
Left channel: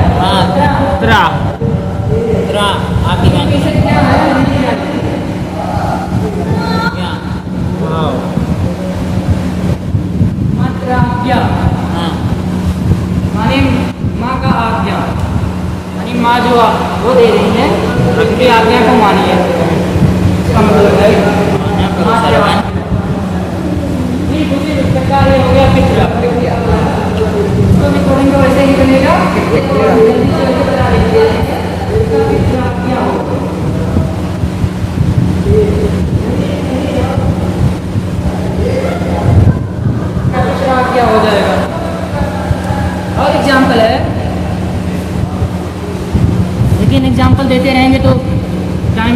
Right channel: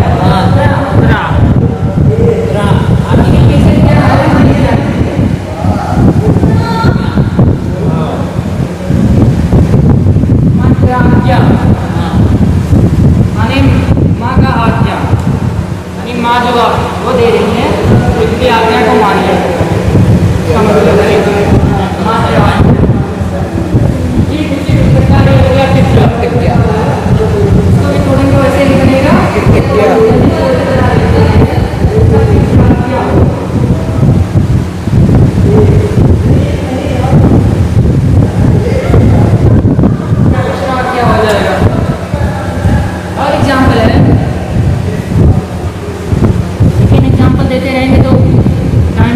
कैसे क्या है मात्रा क्या माने माँ का आज्ञा, यानी माँ जो आप वो दे रही है तो इसकी आज्ञा को मानिए। ठीक उसी प्रकार ये हो गया चित्र। इसको भी थोड़ी वैसे ही बनेगा। जल्दी से बता देते हैं इसका चित्र क्या हो। क्या हो जाएगा? और एग्जाम्पल है, लेकिन एग्जाम्पल देते रहेंगे तो टाइम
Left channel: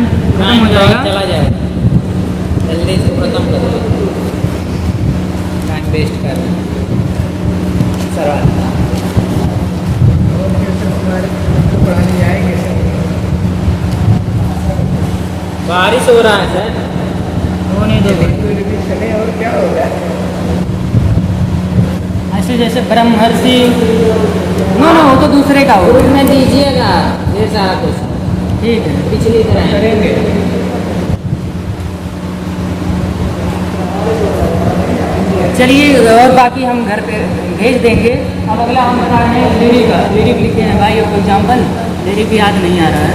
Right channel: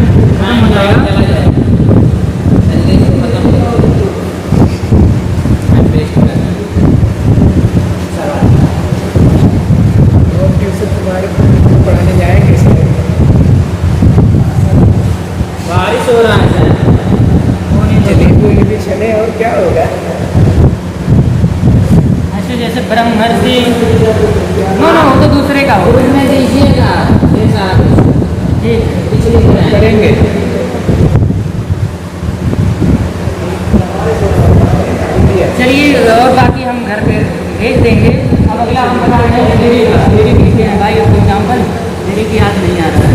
हो जाएगा, चला जाएगा। जल्दी से खत्म करो, टाइम वेस्ट कर पढ़ने जाएंगे सर। बारिश हो रहा है सर। जलेबी चले और क्या होगा? ऐसे जैसे ब्रह्मर्षि वो तो दूसरे का हो। उसमें दीजिएगा ये सारा कुछ ठीक है, पिछली करेंगे। चलिए और बाकी हम घर पे भेज देंगे। अब अगला हम बता रहे हैं लिरिक का। लिरिक लिखे हैं भाई, अब एग्जाम्पल लिरिक याद नहीं आ रहा है।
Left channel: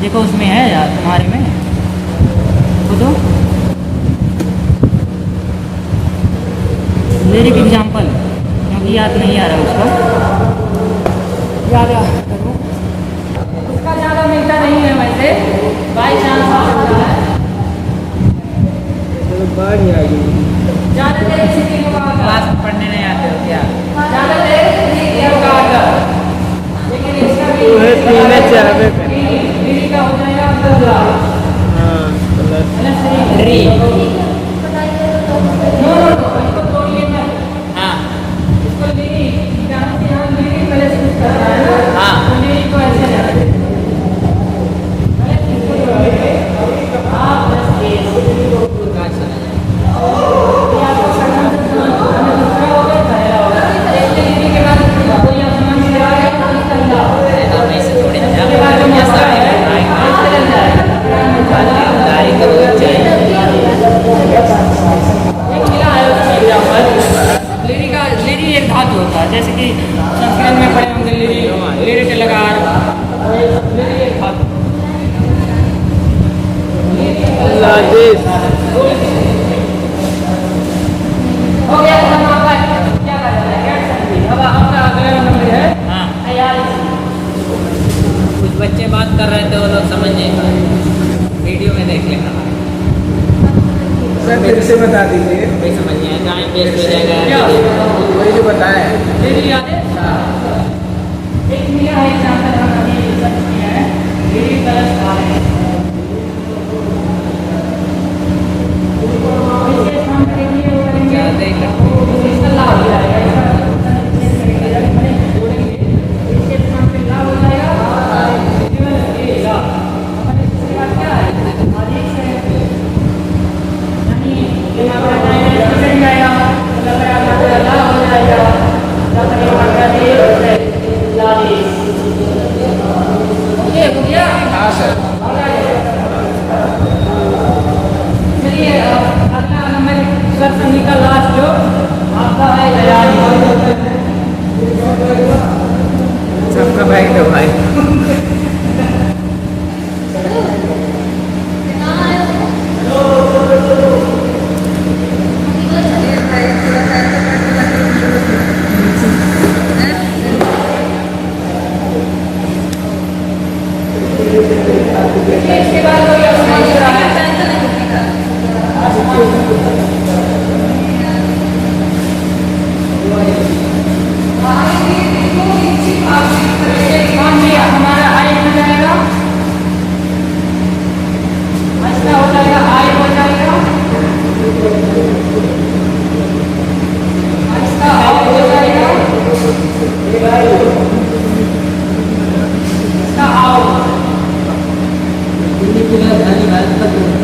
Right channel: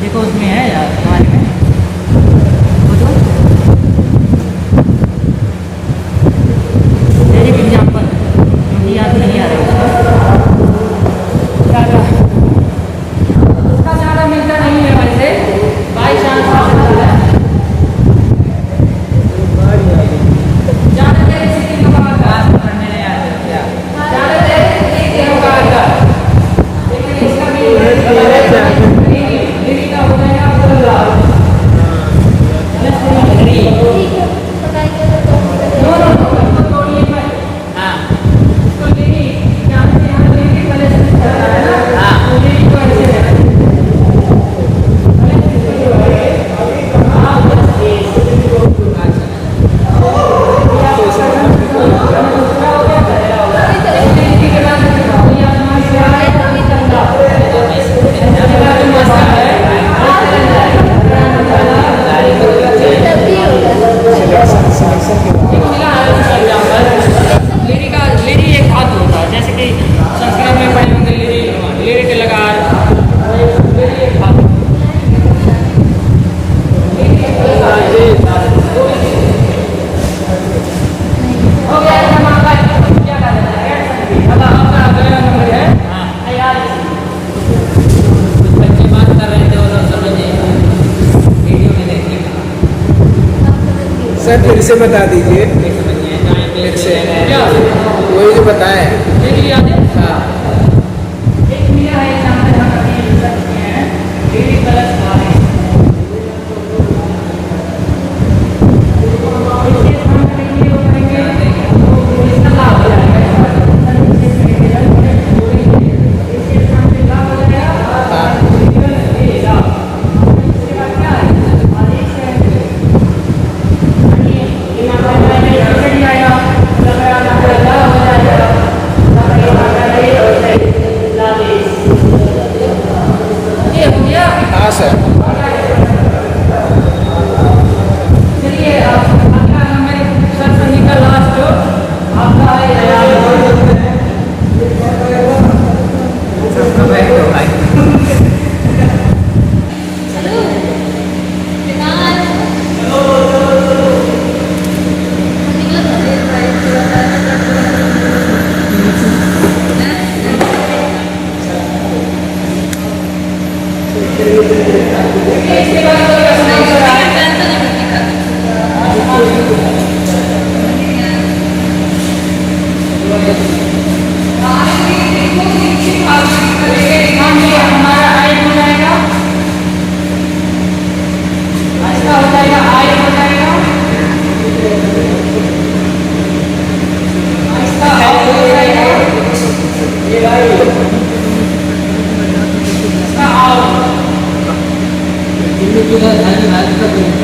देखो उसमें है यार हमारे में तो लिरिक एग्जाम्पल याद नहीं आ रहा उसका ज़्यादा मिलता नहीं है वैसे, बाई चांस हो सकता है। ज़्यादातर इसी का पढ़ने नहीं आता, ज़्यादातर इसी का आता, लेकिन इसका भी लिरिक का हो जाएगा। हो गया कदम आपका क्या कर रहा है अब आपका अगला नंबर है तैयार कुछ बच्चे बात कर रहे थे वो लोग समझ नहीं पाए वीडियो में देखने का सर फिर से बता दीजिए नहीं समझ में आया जहाँ पे क्या वही जो बताया है मेरी याद है एक मिला है एग्जाम्पल हम अभी सकते हैं ये भी गलत था इसके हम करेंगे वो करेंगे वो इसका लाभ हो जाएगा इसके हम पे लाभ हो जाएगा ये लाभ इसके बाद क्या है अधिक से यानी ये मात्रा जाएगा चढ़ जाएगा मतलब मात्रा लाभ हो जाएगा मतलब ये मात्रा दे लाभ ये हो गया हाँ सर चलिए अगला नंबर सर सनी का लास्ट जो आपका है तैयारी सबका भाई तो भाई इसके बाद कोई ऐसा नहीं हो रहा है काम लिया हमारा आय हो जाएगा अच्छा हो जाएगा आय हो जाएगा इसका आउट हो जाएगा इसका आउट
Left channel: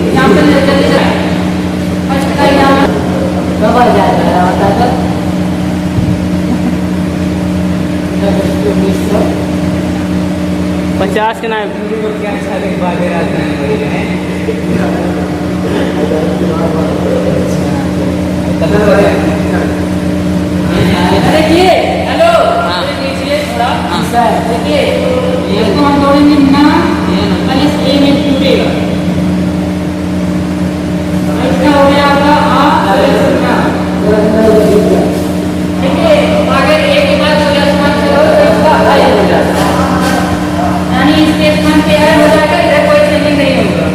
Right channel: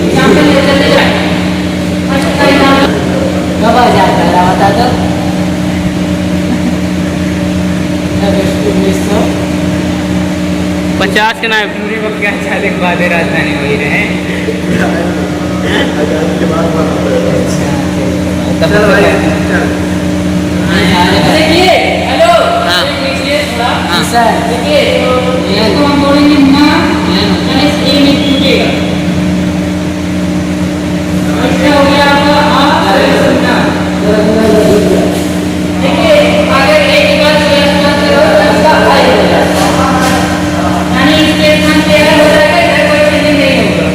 यहाँ पे जल्दी जाए अच्छा यहाँ कब आ जाता है बता दो 50 के ना पूरी को क्या चाले के बाद राजधानी वही रहे चलो भाई देखिए हेलो हाँ। देखिए थोड़ा हाँ। देखिए इसको हम जोड़ेंगे ना माइनस ए में टूटेगा इसका हो गया आपका ना देखिए आगे ए के बाद प्लस मत करो तो इसका आई हो जाएगा यानी इसके स्थान पे आई हो जाएगा इधर कोई चेंज नहीं होगा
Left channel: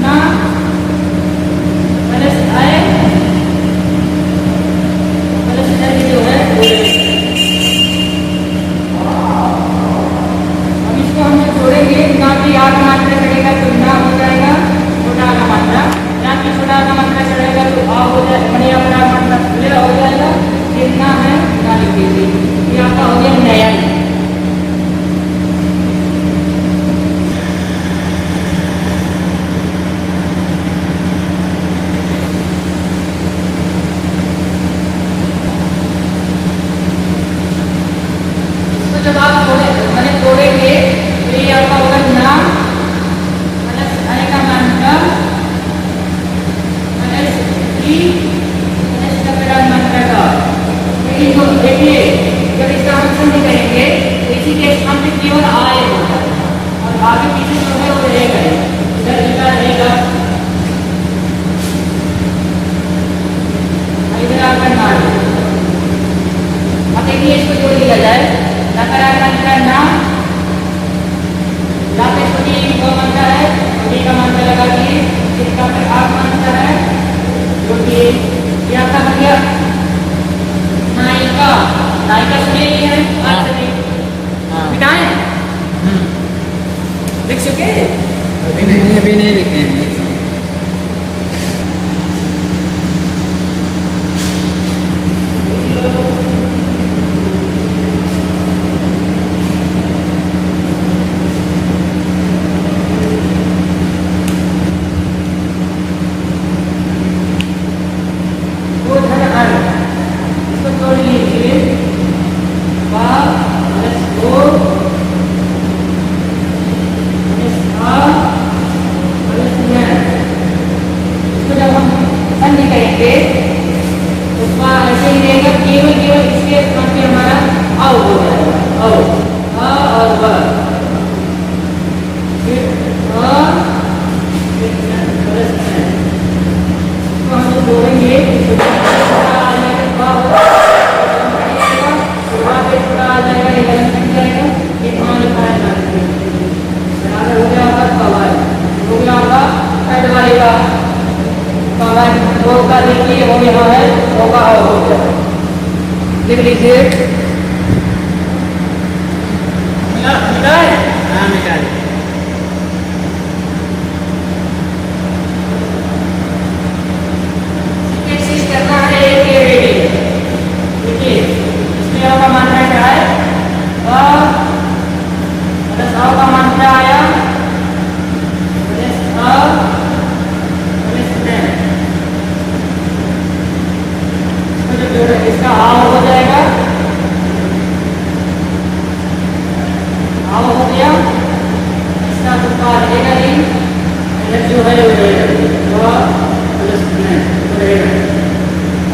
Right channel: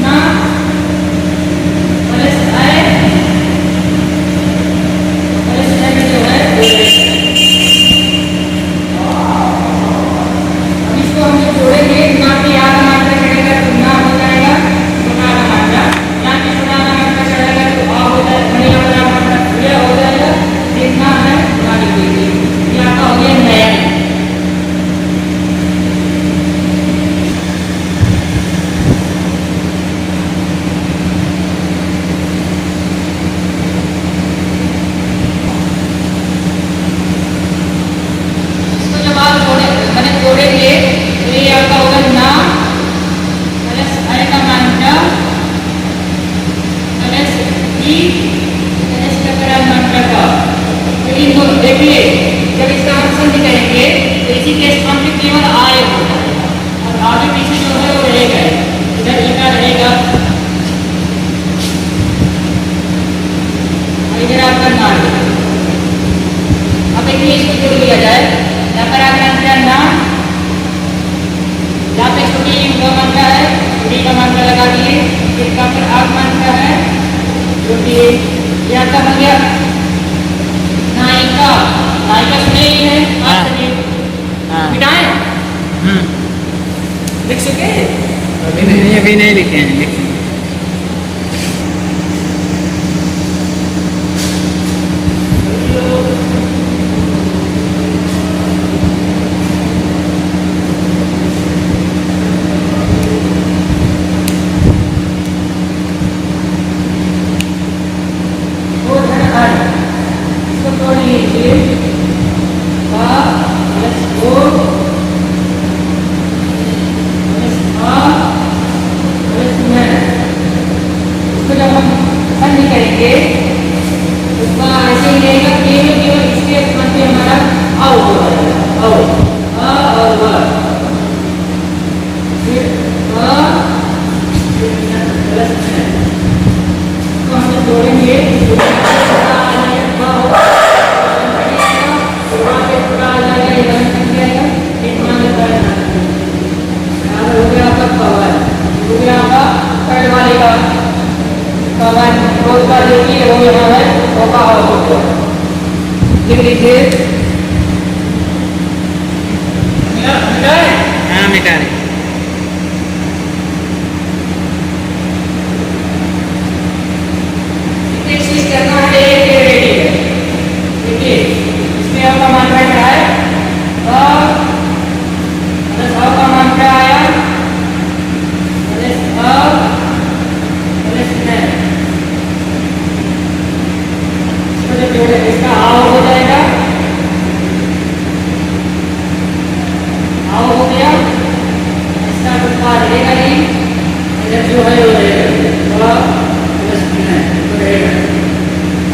ना प्लस आई प्लस आई जो है अब इसको हम जब जोड़ेंगे ना की आग मात्रा चढ़ेगा तो ना हो जाएगा छोटा आग मात्रा ना की छोटा आग मात्रा चढ़ेगा तो आ हो जाएगा बड़ी बड़ा मात्रा ये हो जाएगा जितना है ना लिख दीजिए ये आपका हो गया नया इसको जब आप जोड़ेंगे तो ये आपका होगा ना प्लस आई का मात्रा प्लस ई प्लस का मात्रा का तो इन दोनों देखिए जब इसका हम संधि करेंगे तो इसी के स्थान पे केवल आए होगा और आगे पीछे जो है वो रहेगा इधर इधर रहेगा और इधर आपका ना अब देखिए इसको जोड़ दिया जाए नकारात्मक का नाम यहाँ पे छोटी का मात्रा है छोटी का मात्रा लगा दिए इसका पर आग मात्रा है जो कि ये आपका बन गया नायिका नायिका सुने ही है आज तक मिटाएं लिख सकते हैं अभी नहीं लिखे हैं लिखे वो धन आय इसको तोड़ लीजिए का प्लस ओ प्लस आ प्लस मैं इसको जब हम संधि करेंगे तो उसका ऐसे ही रहेगा केवल इसके स्थान पे हमारा आओ हो जाएगा आओ आ और व फिर आ फिर प्लस वाले का रोज का देखिए वो यहाँ है वो का हो लिख लीजिए मिला है? हाँ मिटा दी। एक चीज करना है एक ये रेडी है देखिए इसमें आपका मान क्या है प्लस अ का मान क्या आया प्लस अ प्लस में इसको जब जोड़े इसका आव हो जाएगा आव हो गया इसका टुकड़ा रहेगा ही इधर जो है वो रहेगा प्लस में रहेगा।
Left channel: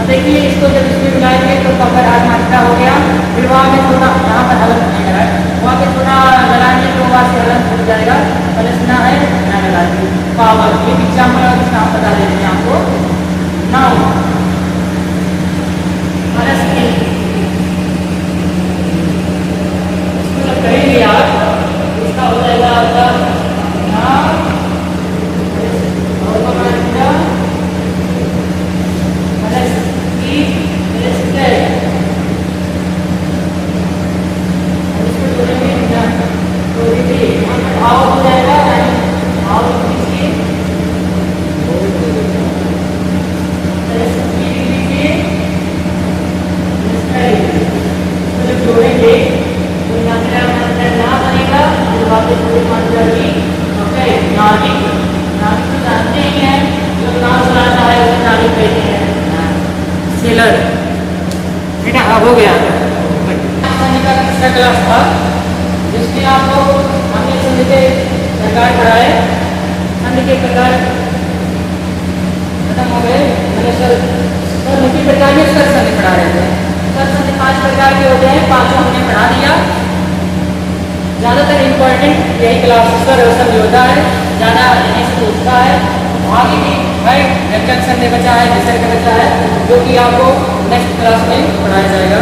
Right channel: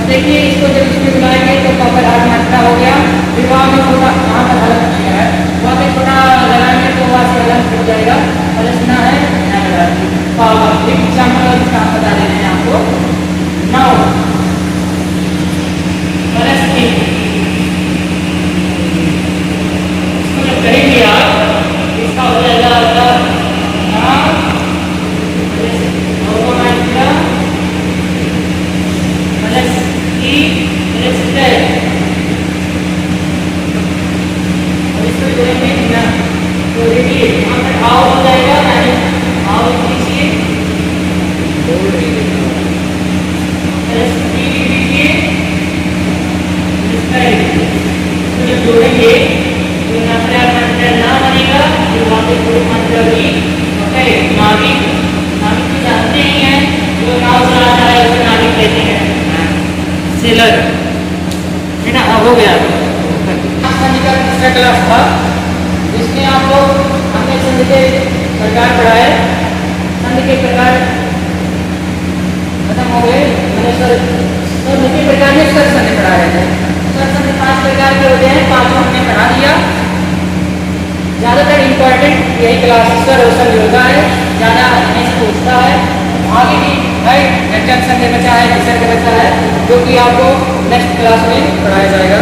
अब देखिए इसको जब इसमें मिलाएंगे तो कपर आठ मात्रा हो गया फिर वहाँ में छोटा यहाँ पर अलग नहीं है वहाँ पे छोटा लगाएंगे तो वहाँ से अलग छूट जाएगा प्लस ना है यहाँ लगा दीजिए पावर एक एग्जाम्पल आप बता दे रहे हैं आपको नाउ प्लस इसको जब करेंगे आप इसका हो जाएगा आपका जोड़ेंगे तो मात्रा ना बनेगा फिर वापस पूरी मात्रा भी ओके नाभिक नाभिक तो जानते ही हैं जो नाव चलाता है उसे नाभिक कहते हैं सेलर बेटा हाँ हो गया संधि का तीसरा क्लास था जिसमें आप लोग हमने संधि के प्रकार पढ़ाए संधि के प्रकार खत्म हो गए मैंने सर नीति प्रकार में सर संधि पढ़ा रहे थे सर संधि 5 प्रकार के होते हैं पांचों हमने पढ़ा दिया ज़्यादातर इम्पोर्टेंट यही क्लास सर संधि होता है ज़्यादा यहीं से पूछता है आगे भी है व्यंजक संधि बचा है विसर्ग बचा है जो कि आपको नेक्स्ट क्लास में पढ़ाया जाएगा।